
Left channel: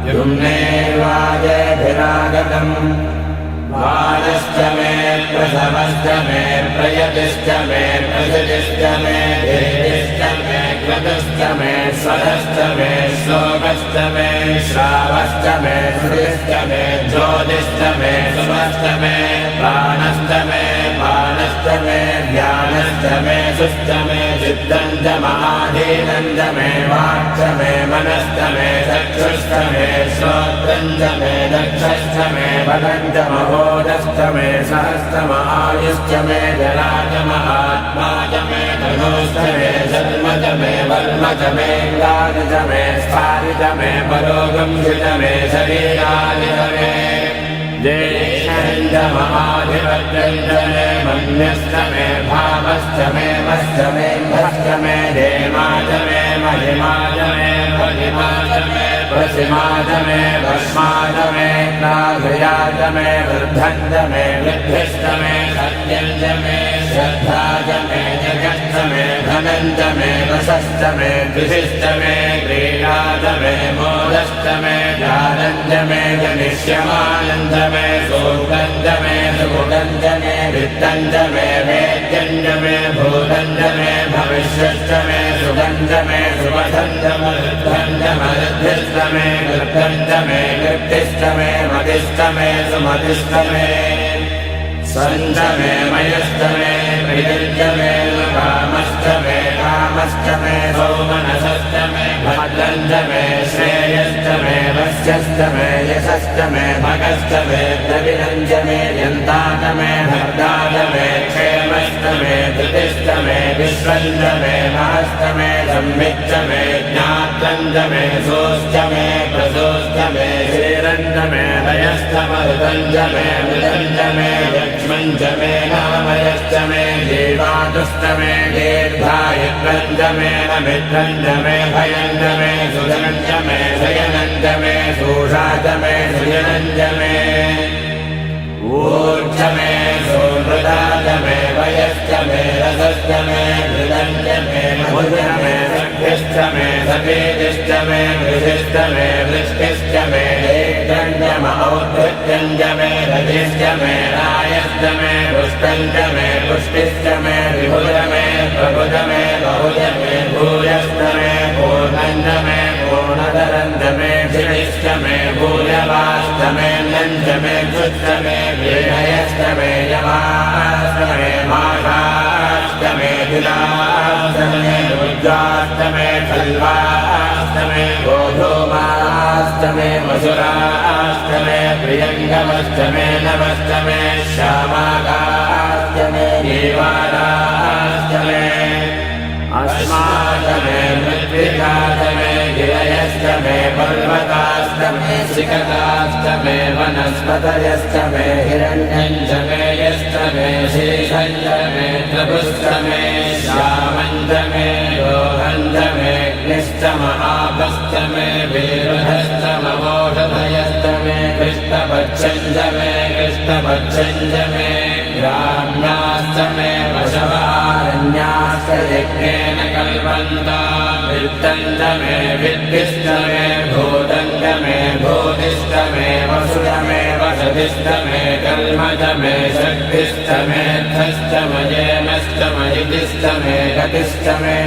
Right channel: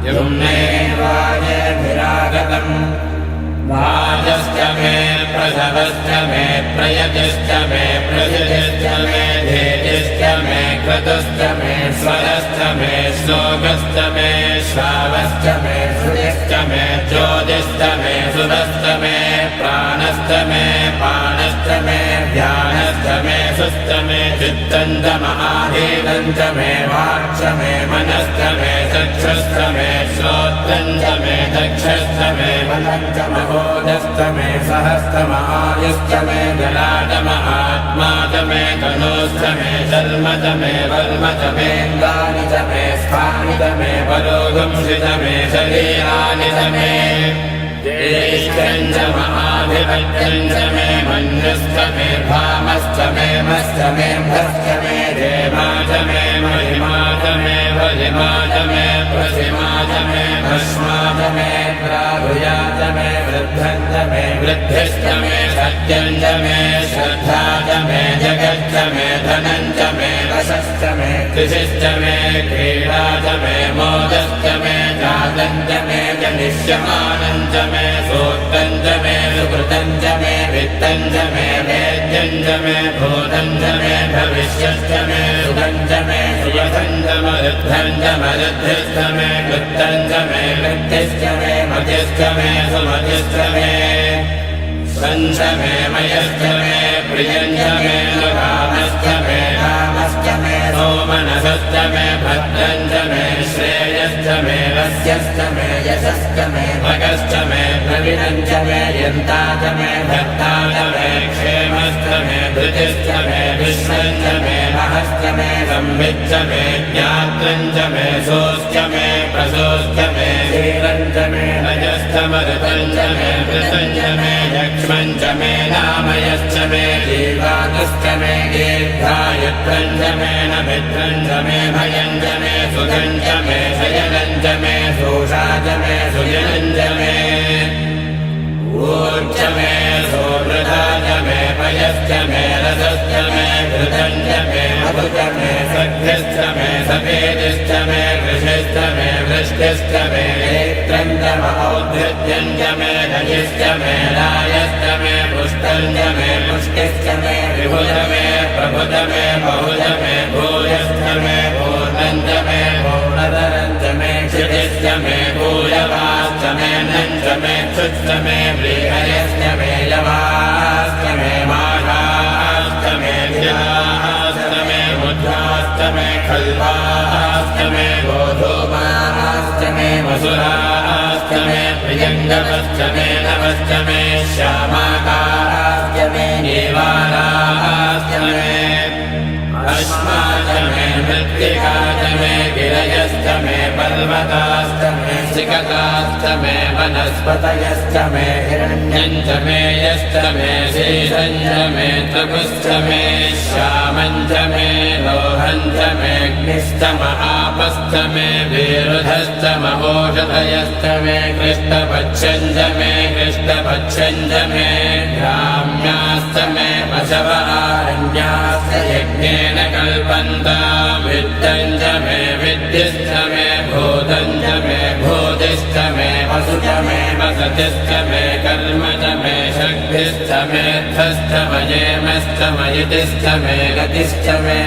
युम्ने वाजेभिरागतम् वाजश्च मे प्रथमश्च मे प्रयतिश्च मे प्रथितिश्च मे धेतिश्च मे क्रतुश्च मे स्वरश्च मे श्लोकश्च मे श्रावश्च मे श्रुतिश्च मे ज्योतिश्च मे सुतश्च मे प्राणश्च मे पाणश्च मे ध्यानश्च मे सुश्च मे चित्तञ्च महाधीनञ्च मे वाक्च मे मनश्च मे चक्षुश्च मे श्रोत्रञ्च मे दक्षश्च मे बलञ्च महोदश्च मे सहश्च महायुश्च मे जलाच महात्मा च मे धनुश्च मे जन्म च मे वर्म च मे गानि च मे स्थानि च मे परोगंसि च मे शरीरानि च मे देशञ्च महाधिपत्यञ्च मे मन्यश्च मे भामश्च मे मश्च मे भश्च मे धेमा च मे महिमा च मे भजिमा च मे प्रसिमा च मे भस्मा च मे प्राधुया च मे वृद्धं च मे वृद्धिश्च मे सत्यं च मे श्रद्धा च मे जगच्च मे धनं च मे वशश्च मे दिशिश्च मे क्रीडा च मे मोदश्च मे जातं च मे जनिष्यमानं च मे सूक्तं च मे सुकृतं च मे वित्तं च मे वेद्यं च मे भूतं च मे भविष्यश्च मे सुखं च मे सुवधं च मरुद्धं च मरुद्धिश्च मे कृतं च मे कृत्तिश्च मे मतिश्च मे सुमतिश्च मे स्वञ्च मे मयश्च मे प्रियञ्च मे कामश्च मे कामश्च मे सौमनसश्च मे भद्रं च मे श्रेयश्च मे वस्यश्च मे यशश्च मे भगश्च मे प्रवीणं च मे यन्ता च मे भक्ता च मे क्षेमश्च मे धृतिश्च मे विश्वं च मे महश्च मे संविच्च मे ज्ञातं च मे सोश्च मे प्रसोश्च मे क्षीरं च मे लयश्च मरुतं च मे मृतं च मे यक्ष्मं च मे नामयश्च मे जीवातश्च मे दीर्घायुत्वं च मे नमित्रं च मे भयं च मे सुखं च मे शयनं च मे सोषा च मे सुजनं च मे ऊर्च मे सोहृदा च मे भयश्च मे रसश्च मे घृतं च मे मधुश्च मे सख्यश्च मे सफेदिश्च मे वृषिश्च मे वृष्टिश्च मे नेत्रं च मौद्धत्यं च मे दधिश्च मे रायश्च मे पुष्टं च मे पुष्टिश्च मे विभुज मे प्रभुज मे बहुज मे भूयश्च मे पूर्णं च मे पूर्णतरं च मे क्षितिश्च मे भूयवाश्च मे नं च मे क्षुश्च मे व्रीहयश्च मे यवाश्च मे माषाश्च मे धिराश्च मे मुद्राश्च मे कल्वाश्च मे गोधूमाश्च मे वसुराश्च मे प्रियङ्गवश्च मे नवश्च मे श्यामाकाश्च मे नीवालाश्च मे अस्माश्च मे मृत्तिकाश्च मे गिरयश्च मे पर्वताश्च मे सिकताश्च मे वनस्पतयश्च मे हिरण्यं च मे यश्च मे शेषं च मे तपुश्च मे श्यामं च मे लोहं च मे अग्निश्च महापश्च मे विरुधश्च महोषधयश्च मे कृष्णपक्षं च मे कृष्णपक्षं च मे ग्राम्याश्च मे पशवः यज्ञेन कल्पन्ता वित्तं च मे विद्युश्च मे भूतं च मे भूतिश्च मे वसुश्च मे वसतिश्च मे कर्म च मे शक्तिश्च मे धश्च मयेमश्च मयितिश्च मे गतिश्च मे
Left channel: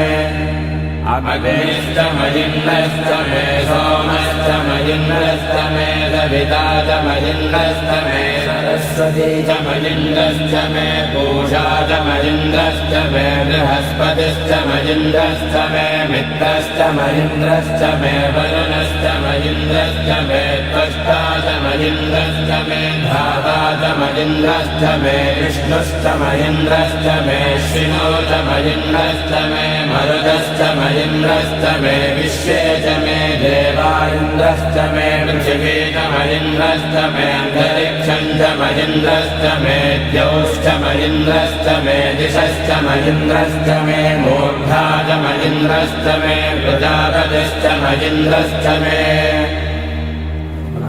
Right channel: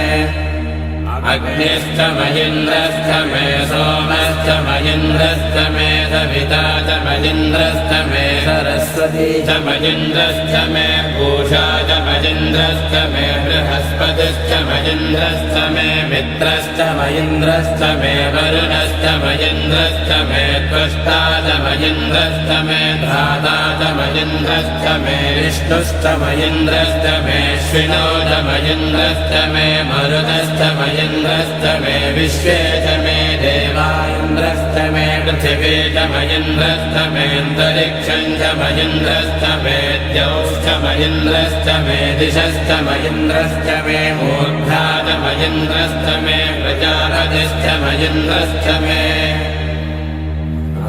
अग्निश्च मयिन्द्रश्च मे सोमश्च मयिन्द्रश्च मे सविता च मयिन्द्रश्च मे सरस्वती च मयिन्द्रश्च मे पूषा च मयिन्द्रश्च मे बृहस्पतिश्च मयिन्द्रश्च मे मित्रश्च मयिन्द्रश्च मे वरुणश्च मयिन्द्रश्च मे त्वष्टा च मयिन्द्रश्च मे धाता च मयिन्द्रश्च मे विष्णुश्च मयिन्द्रश्च मे श्विनो च मयिन्द्रश्च मे मरुदश्च मयिन्द्रश्च मे विश्वे च मे देवा इन्द्रश्च मे पृथिवी च मयिन्द्रश्च मेऽन्तरिक्षं च मयिन्द्रश्च मे द्यौश्च मयिन्द्रश्च मे दिशश्च मयिन्द्रश्च मे मूर्धा च मयिन्द्रश्च मे प्रजापतिश्च मयिन्द्रश्च मे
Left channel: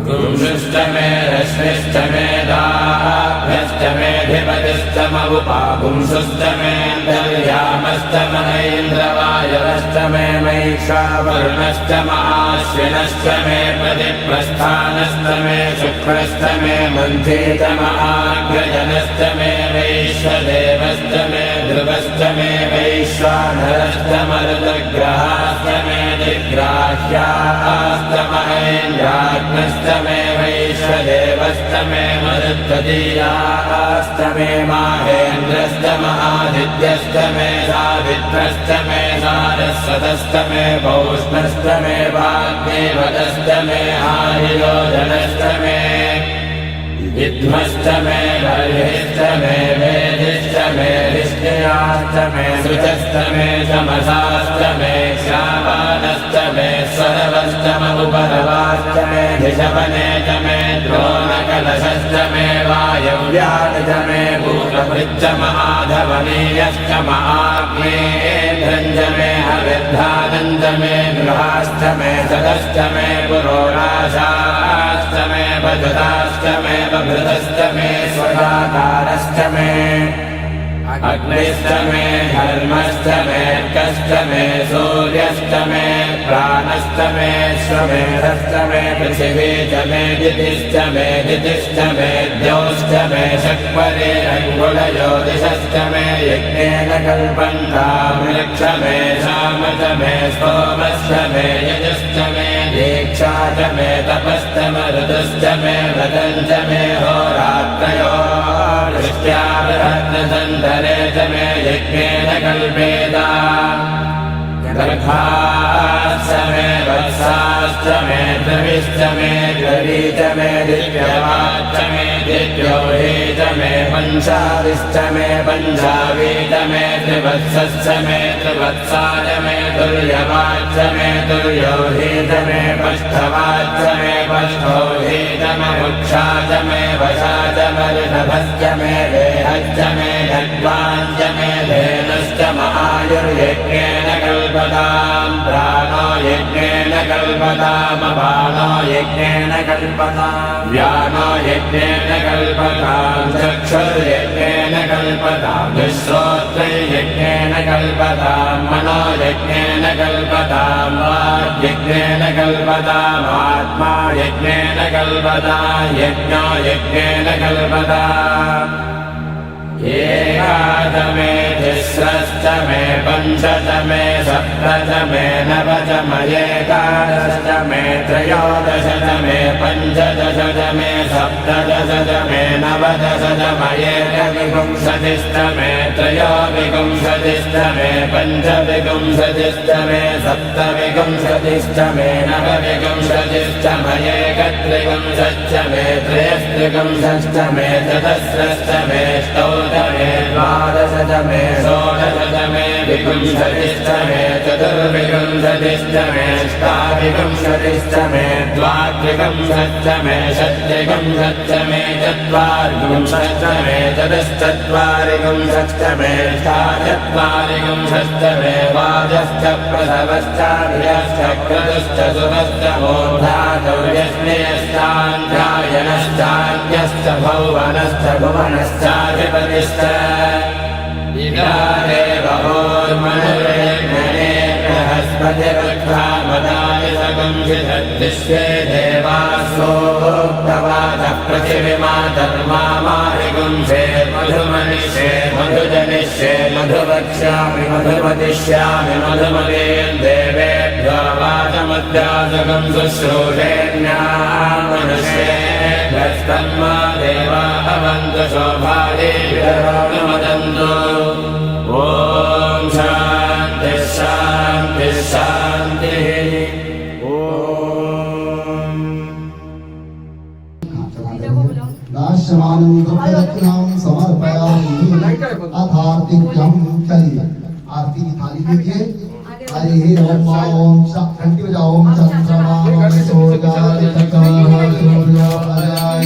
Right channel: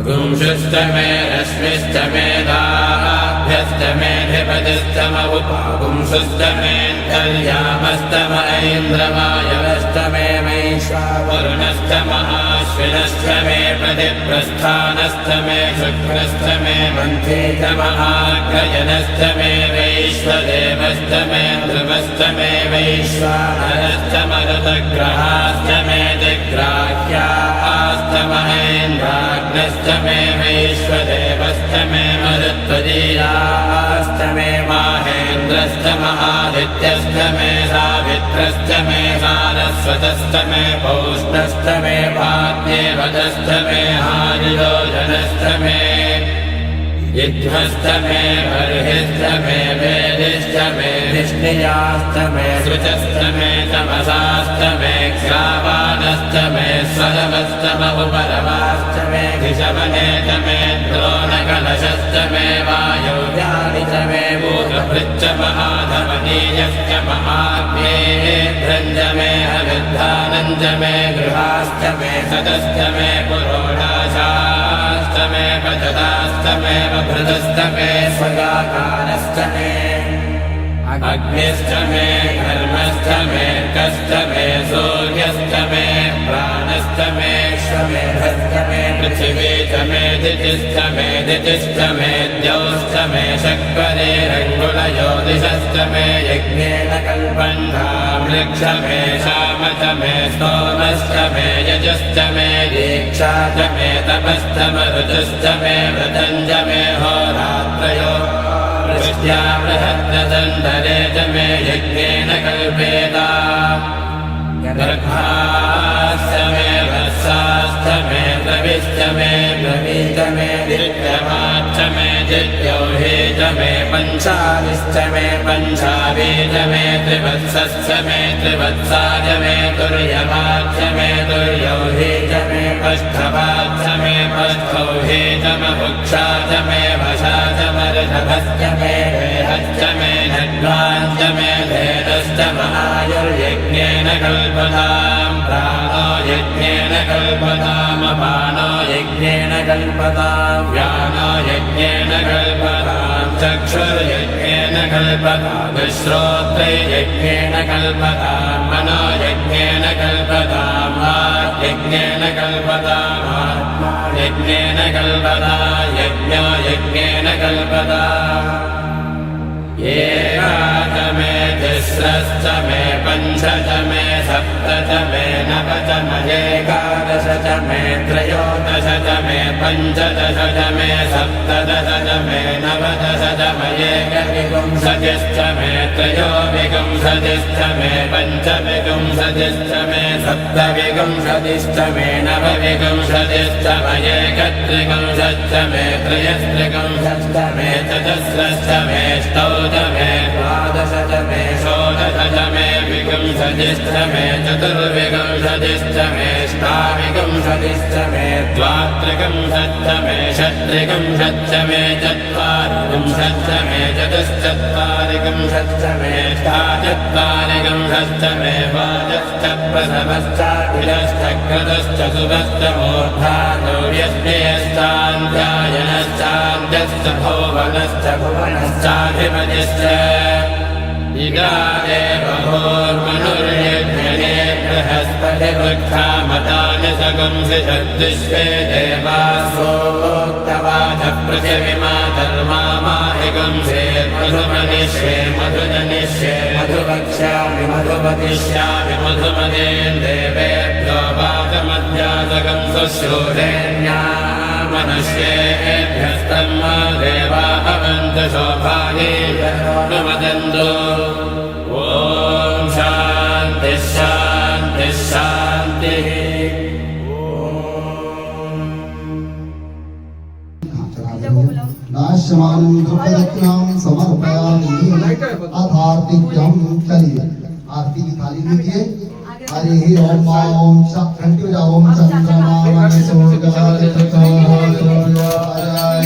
पुंसश्च मे रश्मिश्च मे दाभ्यश्च मे धिपतिश्च महुपापुंसश्च मे कल्यामश्च महेन्द्रवायवश्च मे वैश्वावरुणश्च महाश्विनश्च मे प्रतिप्रस्थानश्च मे शुक्रश्च मे मन्थे च महाग्रजनश्च मे वैश्वदेवश्च मे ध्रुवश्च मे वैश्वानरश्च मरुतग्रहाश्च मे दिग्राह्याश्च महेन्द्राग्नश्च मे वैश्वदेवश्च मे मरुत्वदीयाश्च मे माहेन्द्रश्च महादित्यश्च मे सावित्रश्च मे सारस्वतश्च मे भौष्णश्च मे वाग्देवतश्च मे हारिलोचनश्च मे विद्मश्च मे बर्हिश्च मे वेदिश्च मे धिष्णियाश्च मे श्रुतश्च मे तमसाश्च मे क्षामानश्च मे स्वरवश्च बहुपरवाश्च मे ऋषवनेत मे द्रोणकलशश्च मे वायव्यानित मे भूतभृच्च महाधवनीयश्च महाग्नेन्द्रञ्च मे हविर्धानञ्च मे गृहाश्च मे सदश्च मे पुरोडाशाश्च मे पजदाश्च मे बभृतश्च मे स्वदाकारश्च मे अग्निश्च मे धर्मश्च मे कश्च मे सूर्यश्च मे प्राणश्च मे श्वमेधश्च मे पृथिवी च मे दितिश्च मे द्यौश्च मे शक्वरे अङ्गुलज्योतिषश्च मे यज्ञेन कल्पन्तां रक्ष मे शाम च मे स्तोमश्च मे यजुश्च मे दीक्षा च मे तपश्च मरुतश्च मे व्रतं च मे होरात्रयो दृष्ट्या बृहद्रतन्तरे च मे यज्ञेन कल्पेता गर्भाश्च मे वत्साश्च मे द्रविश्च मे द्रवीच मे दिव्यवाच्च मे दिव्यौहे च मे पञ्चाविश्च मे पञ्चावीच मे त्रिवत्सश्च मे त्रिवत्साच मे तुर्यवाच्च मे तुर्यौहे च मे पष्ठवाच्च मे पष्ठौहे च ममुक्षा च मे वशा च मरुणभश्च मे देहश्च मे धन्वाञ्च मे धेनुश्च महायुर्यज्ञेन कल्पतां प्राणो यज्ञेन कल्पताम् अपानो यज्ञेन कल्पतां व्यानो यज्ञेन कल्पतां चक्षुर्यज्ञेन कल्पतां श्रोत्रयज्ञेन कल्पतां मनो यज्ञेन कल्पतां वाग्यज्ञेन कल्पताम् आत्मा यज्ञेन कल्पतां यज्ञो यज्ञेन कल्पताम् एकादश मे तिस्रश्च मे पञ्चश मे सप्तश मे नवश एकादश च मे त्रयोदश च मे पञ्चदश च मे सप्तदश च मे नवदश च एकविंशतिश्च मे त्रयोविंशतिश्च मे पञ्चविंशतिश्च मे सप्तविंशतिश्च मे नवविंशतिश्च एकत्रिंशश्च मे त्रयस्त्रिंशश्च मे चतस्रश्च मे मे द्वादश च मे षोडश च मे विंशतिश्च मे चतुर्विंशतिश्च मे अष्टाविंशतिश्च मे द्वात्रिंशश्च मे षट्त्रिंशश्च मे चत्वारिंशश्च मे चतुश्चत्वारिंशश्च मे अष्टाचत्वारिंशश्च मे वाजश्च प्रसवश्चाभिरश्च क्रतुश्च सुभश्च मोघ्रातव्यश्चेयश्चान्ध्यायनश्चान्त्यश्च भुवनश्च भुवनश्चाधिपतिश्च इदादेव भूर्मनुर्यज्ञे बृहस्पतिरुद्धामदानि सगंसितद्विश्वे देवासोक्तवादः पृथिवीमातर्मामाहिगंसेर्मधुमनिष्ये मधुजनिष्ये मधुवक्ष्यामि मधुवदिष्यामि मधुमदेन् देवेभ्यो वादमध्यासगं शुश्रूषेण्यामनुष्येभ्यस्तम् देवा अवन्तु शोभाये विदधामदन्तु ॐ शान्तिः शान्तिः शान्तिः नाश्यमानं दुःखरत्नां समर्पयामि अथार्तिक्यं चलिए आरती की थाली लीजिए हरे ओम ओम घंटी बजाओ ओम चंद्रमा सूर्याय सूर्योदयाय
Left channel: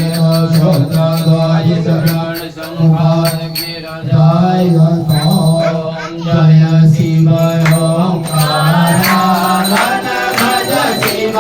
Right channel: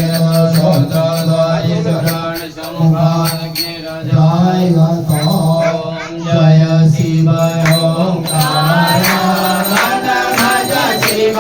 सहस्राय शरण संहार जय शिव ओंकार भज शिव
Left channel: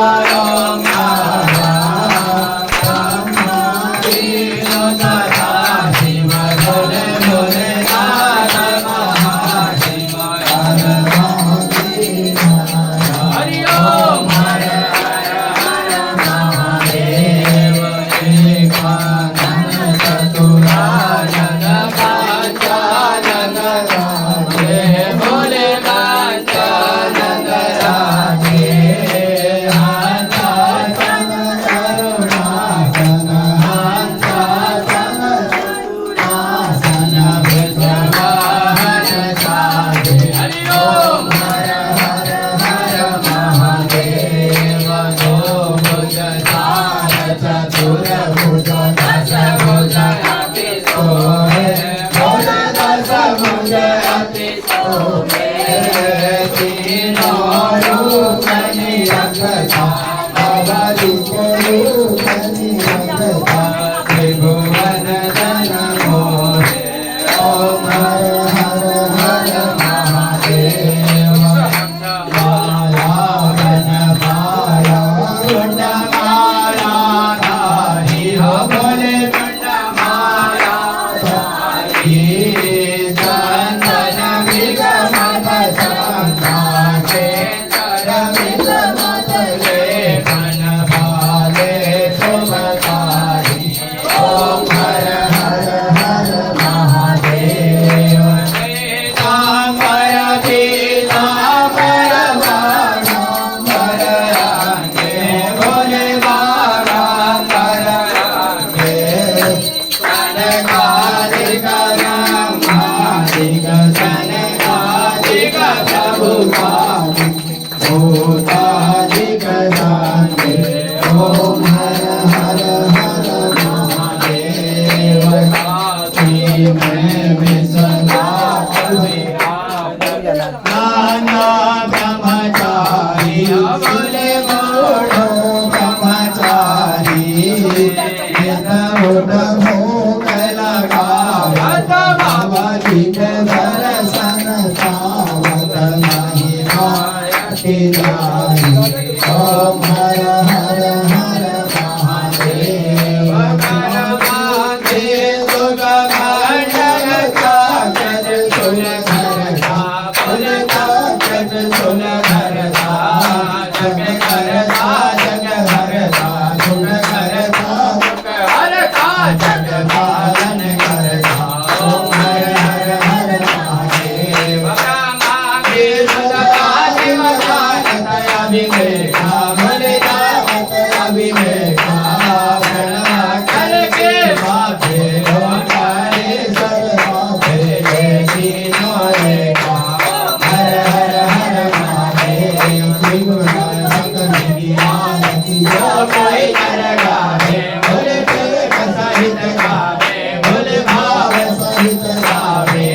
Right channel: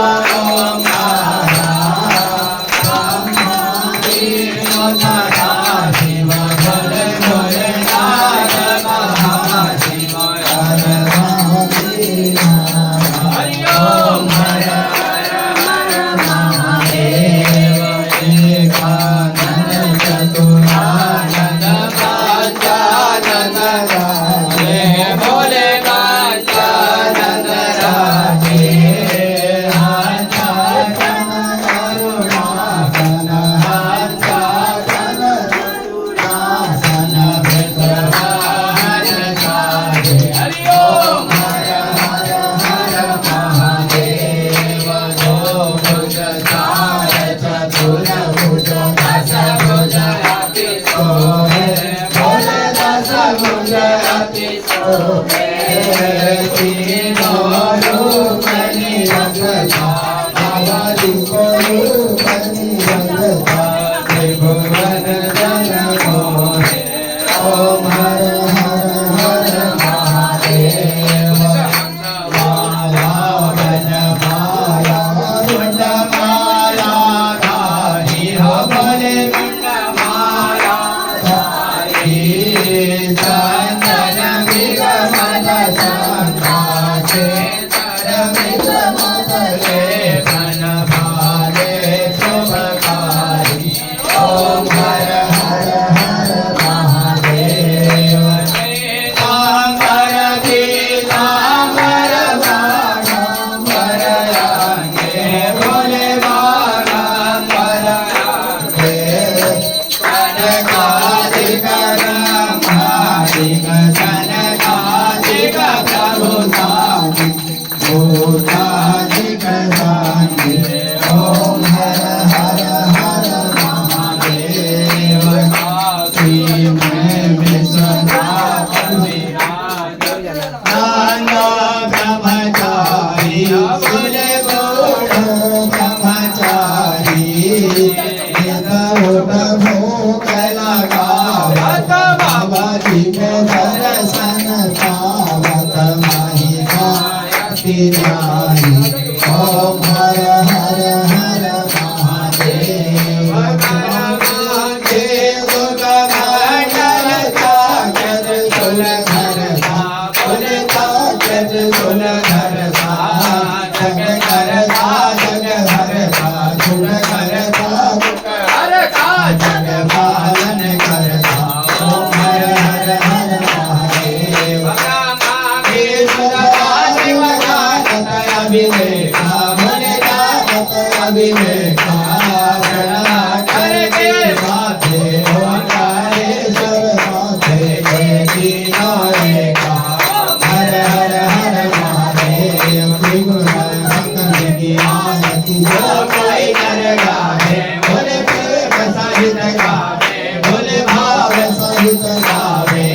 गाय नर गावे बोले प्रेम सहित गावे बोले भाव सहित गावे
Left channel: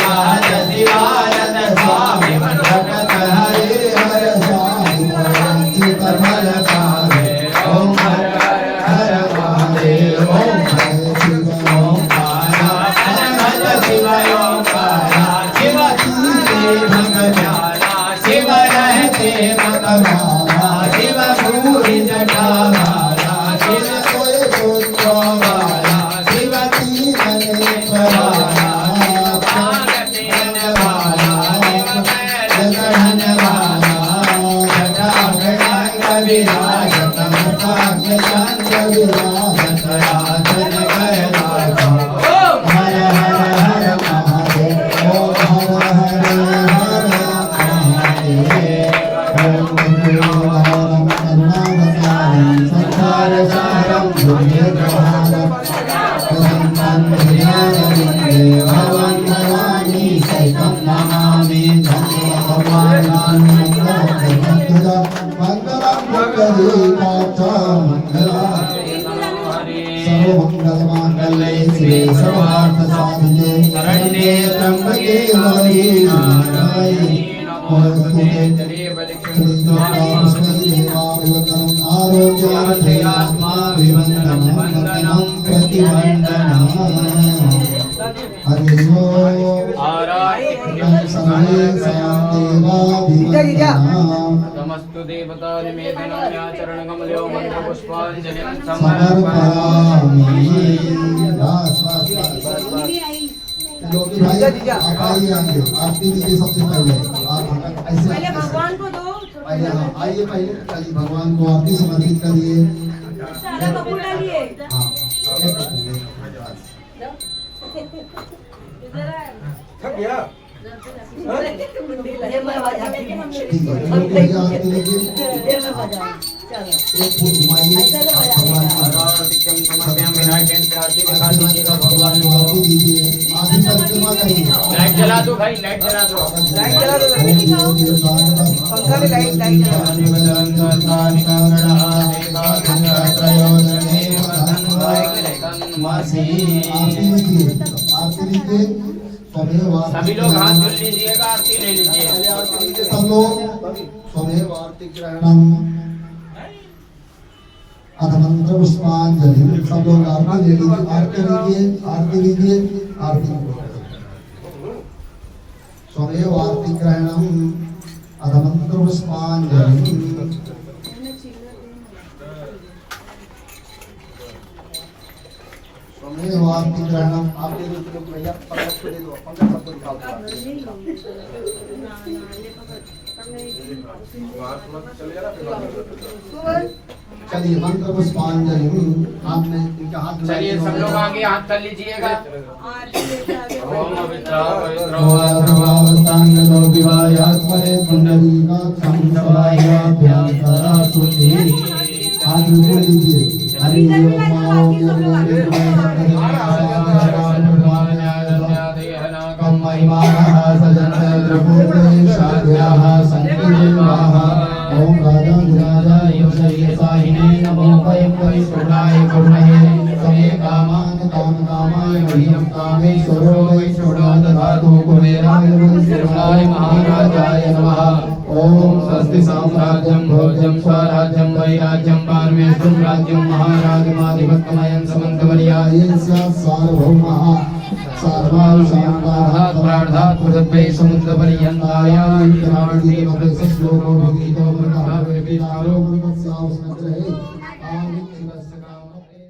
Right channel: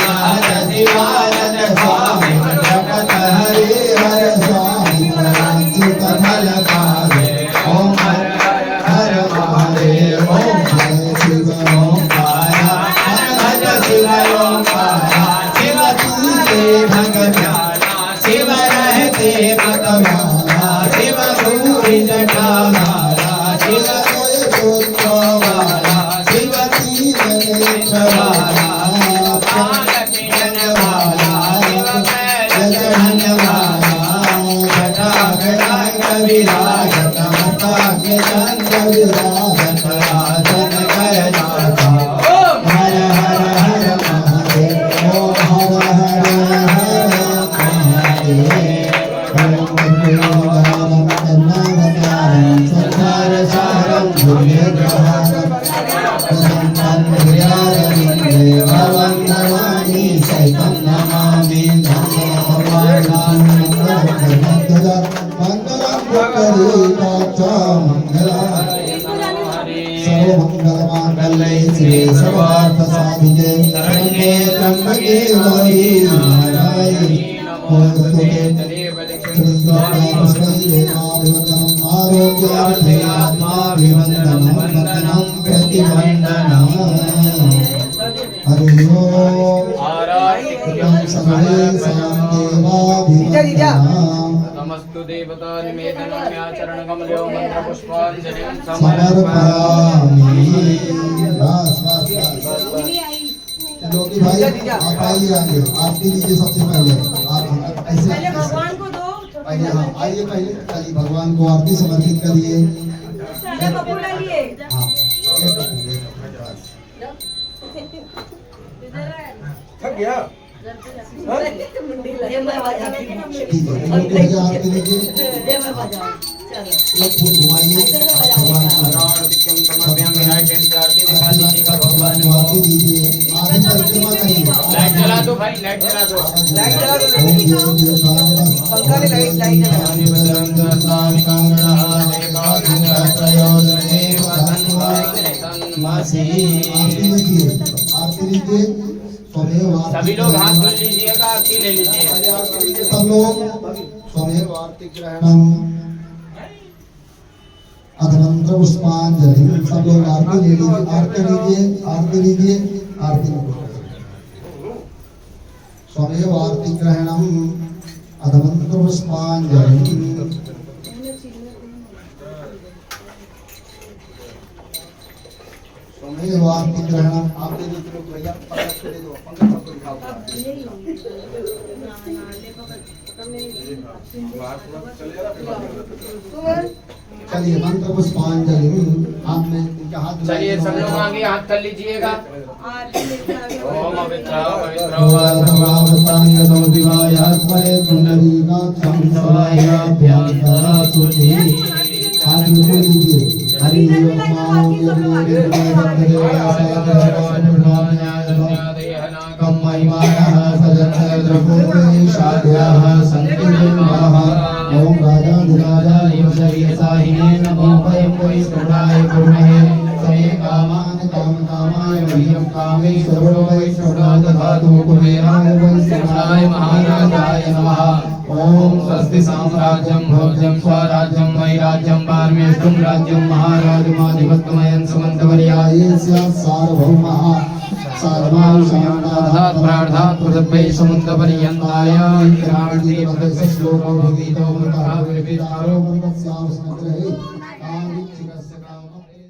गात शिवानंद स्वामी जगत हरि हर स्वामी चित फल गावे ओम हर हर महादेव ओम हर शिव ओंकारा हर भज शिव ओंकारा शिव तुझे भगवाना शिव रहते मतवाला शिव पूरी जटावाला शिव कोई पुत्र वाला शिव तीन नेत्र वाला प्राण वाला जगन वाला जटा गंग विराजत मता गंग विराजत आसन कर नाथा हर हर हर महादेव ओम हर हर हर महादेव ओम गुरुवारं करुणावतारं संसार सारं भुजगेन्द्रहारं प्रसन्नं हृदयारविन्दे भवं भवानी सहितं नमामि धन्यो भगवान् मङ्गलं पुष्करीकाच मङ्गलम् सर्वमङ्गलमाङ्गल्ये शिवे सर्वार्थसाधिके शरण्ये त्र्यम्बके गौरी नारायणि नमोस्तुते आरोग्यार्थे आत्माभिवन्दनं प्रतिवन्दनं हरि ओम सर्वे देवाभिवन्दनं नमस्तु देवता निवेदनाचरण कमलो मंत्र पुष्पांजलिं समर्पयामि। लोकी भाई आप आइए आइए आरती दीजिए सबसे पहले आप ऐसे पहले भगवान को दो पहले हाँ आइए पहले चलिए भगवान को आरती समर्पित करिए सादा कपूर डालिए हाँ एक कपूर थक गया ठीक है लोकी भैया आरती लीजिए एक फूल घुमाइए भगवान को भगवान को आरती दीजिए आरती परिक्रमा करिए लाइट जला दो भाई लाइट जला दो सभी लोग हाथ जोड़ लीजिएगा आरती ले लीजिए सब लोग स्वमेव आरती ग्रहणम अधमंत्र पुष्पांजलि सब लोग आरती ले लीजिए आरती लीजिए आरती लीजिए आरती स्वमेव आरती ग्रहणम अधमंत्र पुष्पांजलि स्वमेव आरती ग्रहणम आप दे दो भैया पंकज को दे दो पंकज सबको दिखाओ चलिए मंत्र पुष्पांजलि हाथ में इनका हाथ चलिए सब लोग आगे हाथ कर लीजिएगा ओम पवित्र सर्वावतांगतो दिवायास्मरे पुंडरीकाक्षं सवायाभ्यन्तरासुते हाथ में लीजिए हरि ओम ओम राजा विराजाय शरीयसाहिने नमो वयं वै सर्वाय गुणहे सये कामान कामकामाय मह्यं कामेश्वरो वै श्रोणादधातु कुबेराय वै शिवाय महाराजाय नमः ओम स्वस्ति साम्राज्यं भोज्यं स्वराज्यं वैराज्यं पारमेष्ठं राज्यं महाराजमाधिपत्यमयं समन्तवर्यायस्य सार्वभौमः सर्वायुषाणात् प्रार्थात् प्रदब्बे समुद्रपर्यन्ताय इन्द्राणि पदस्य श्लोको भगीतो मृतः विरपितारो मन्दस्यावस्मग्रहे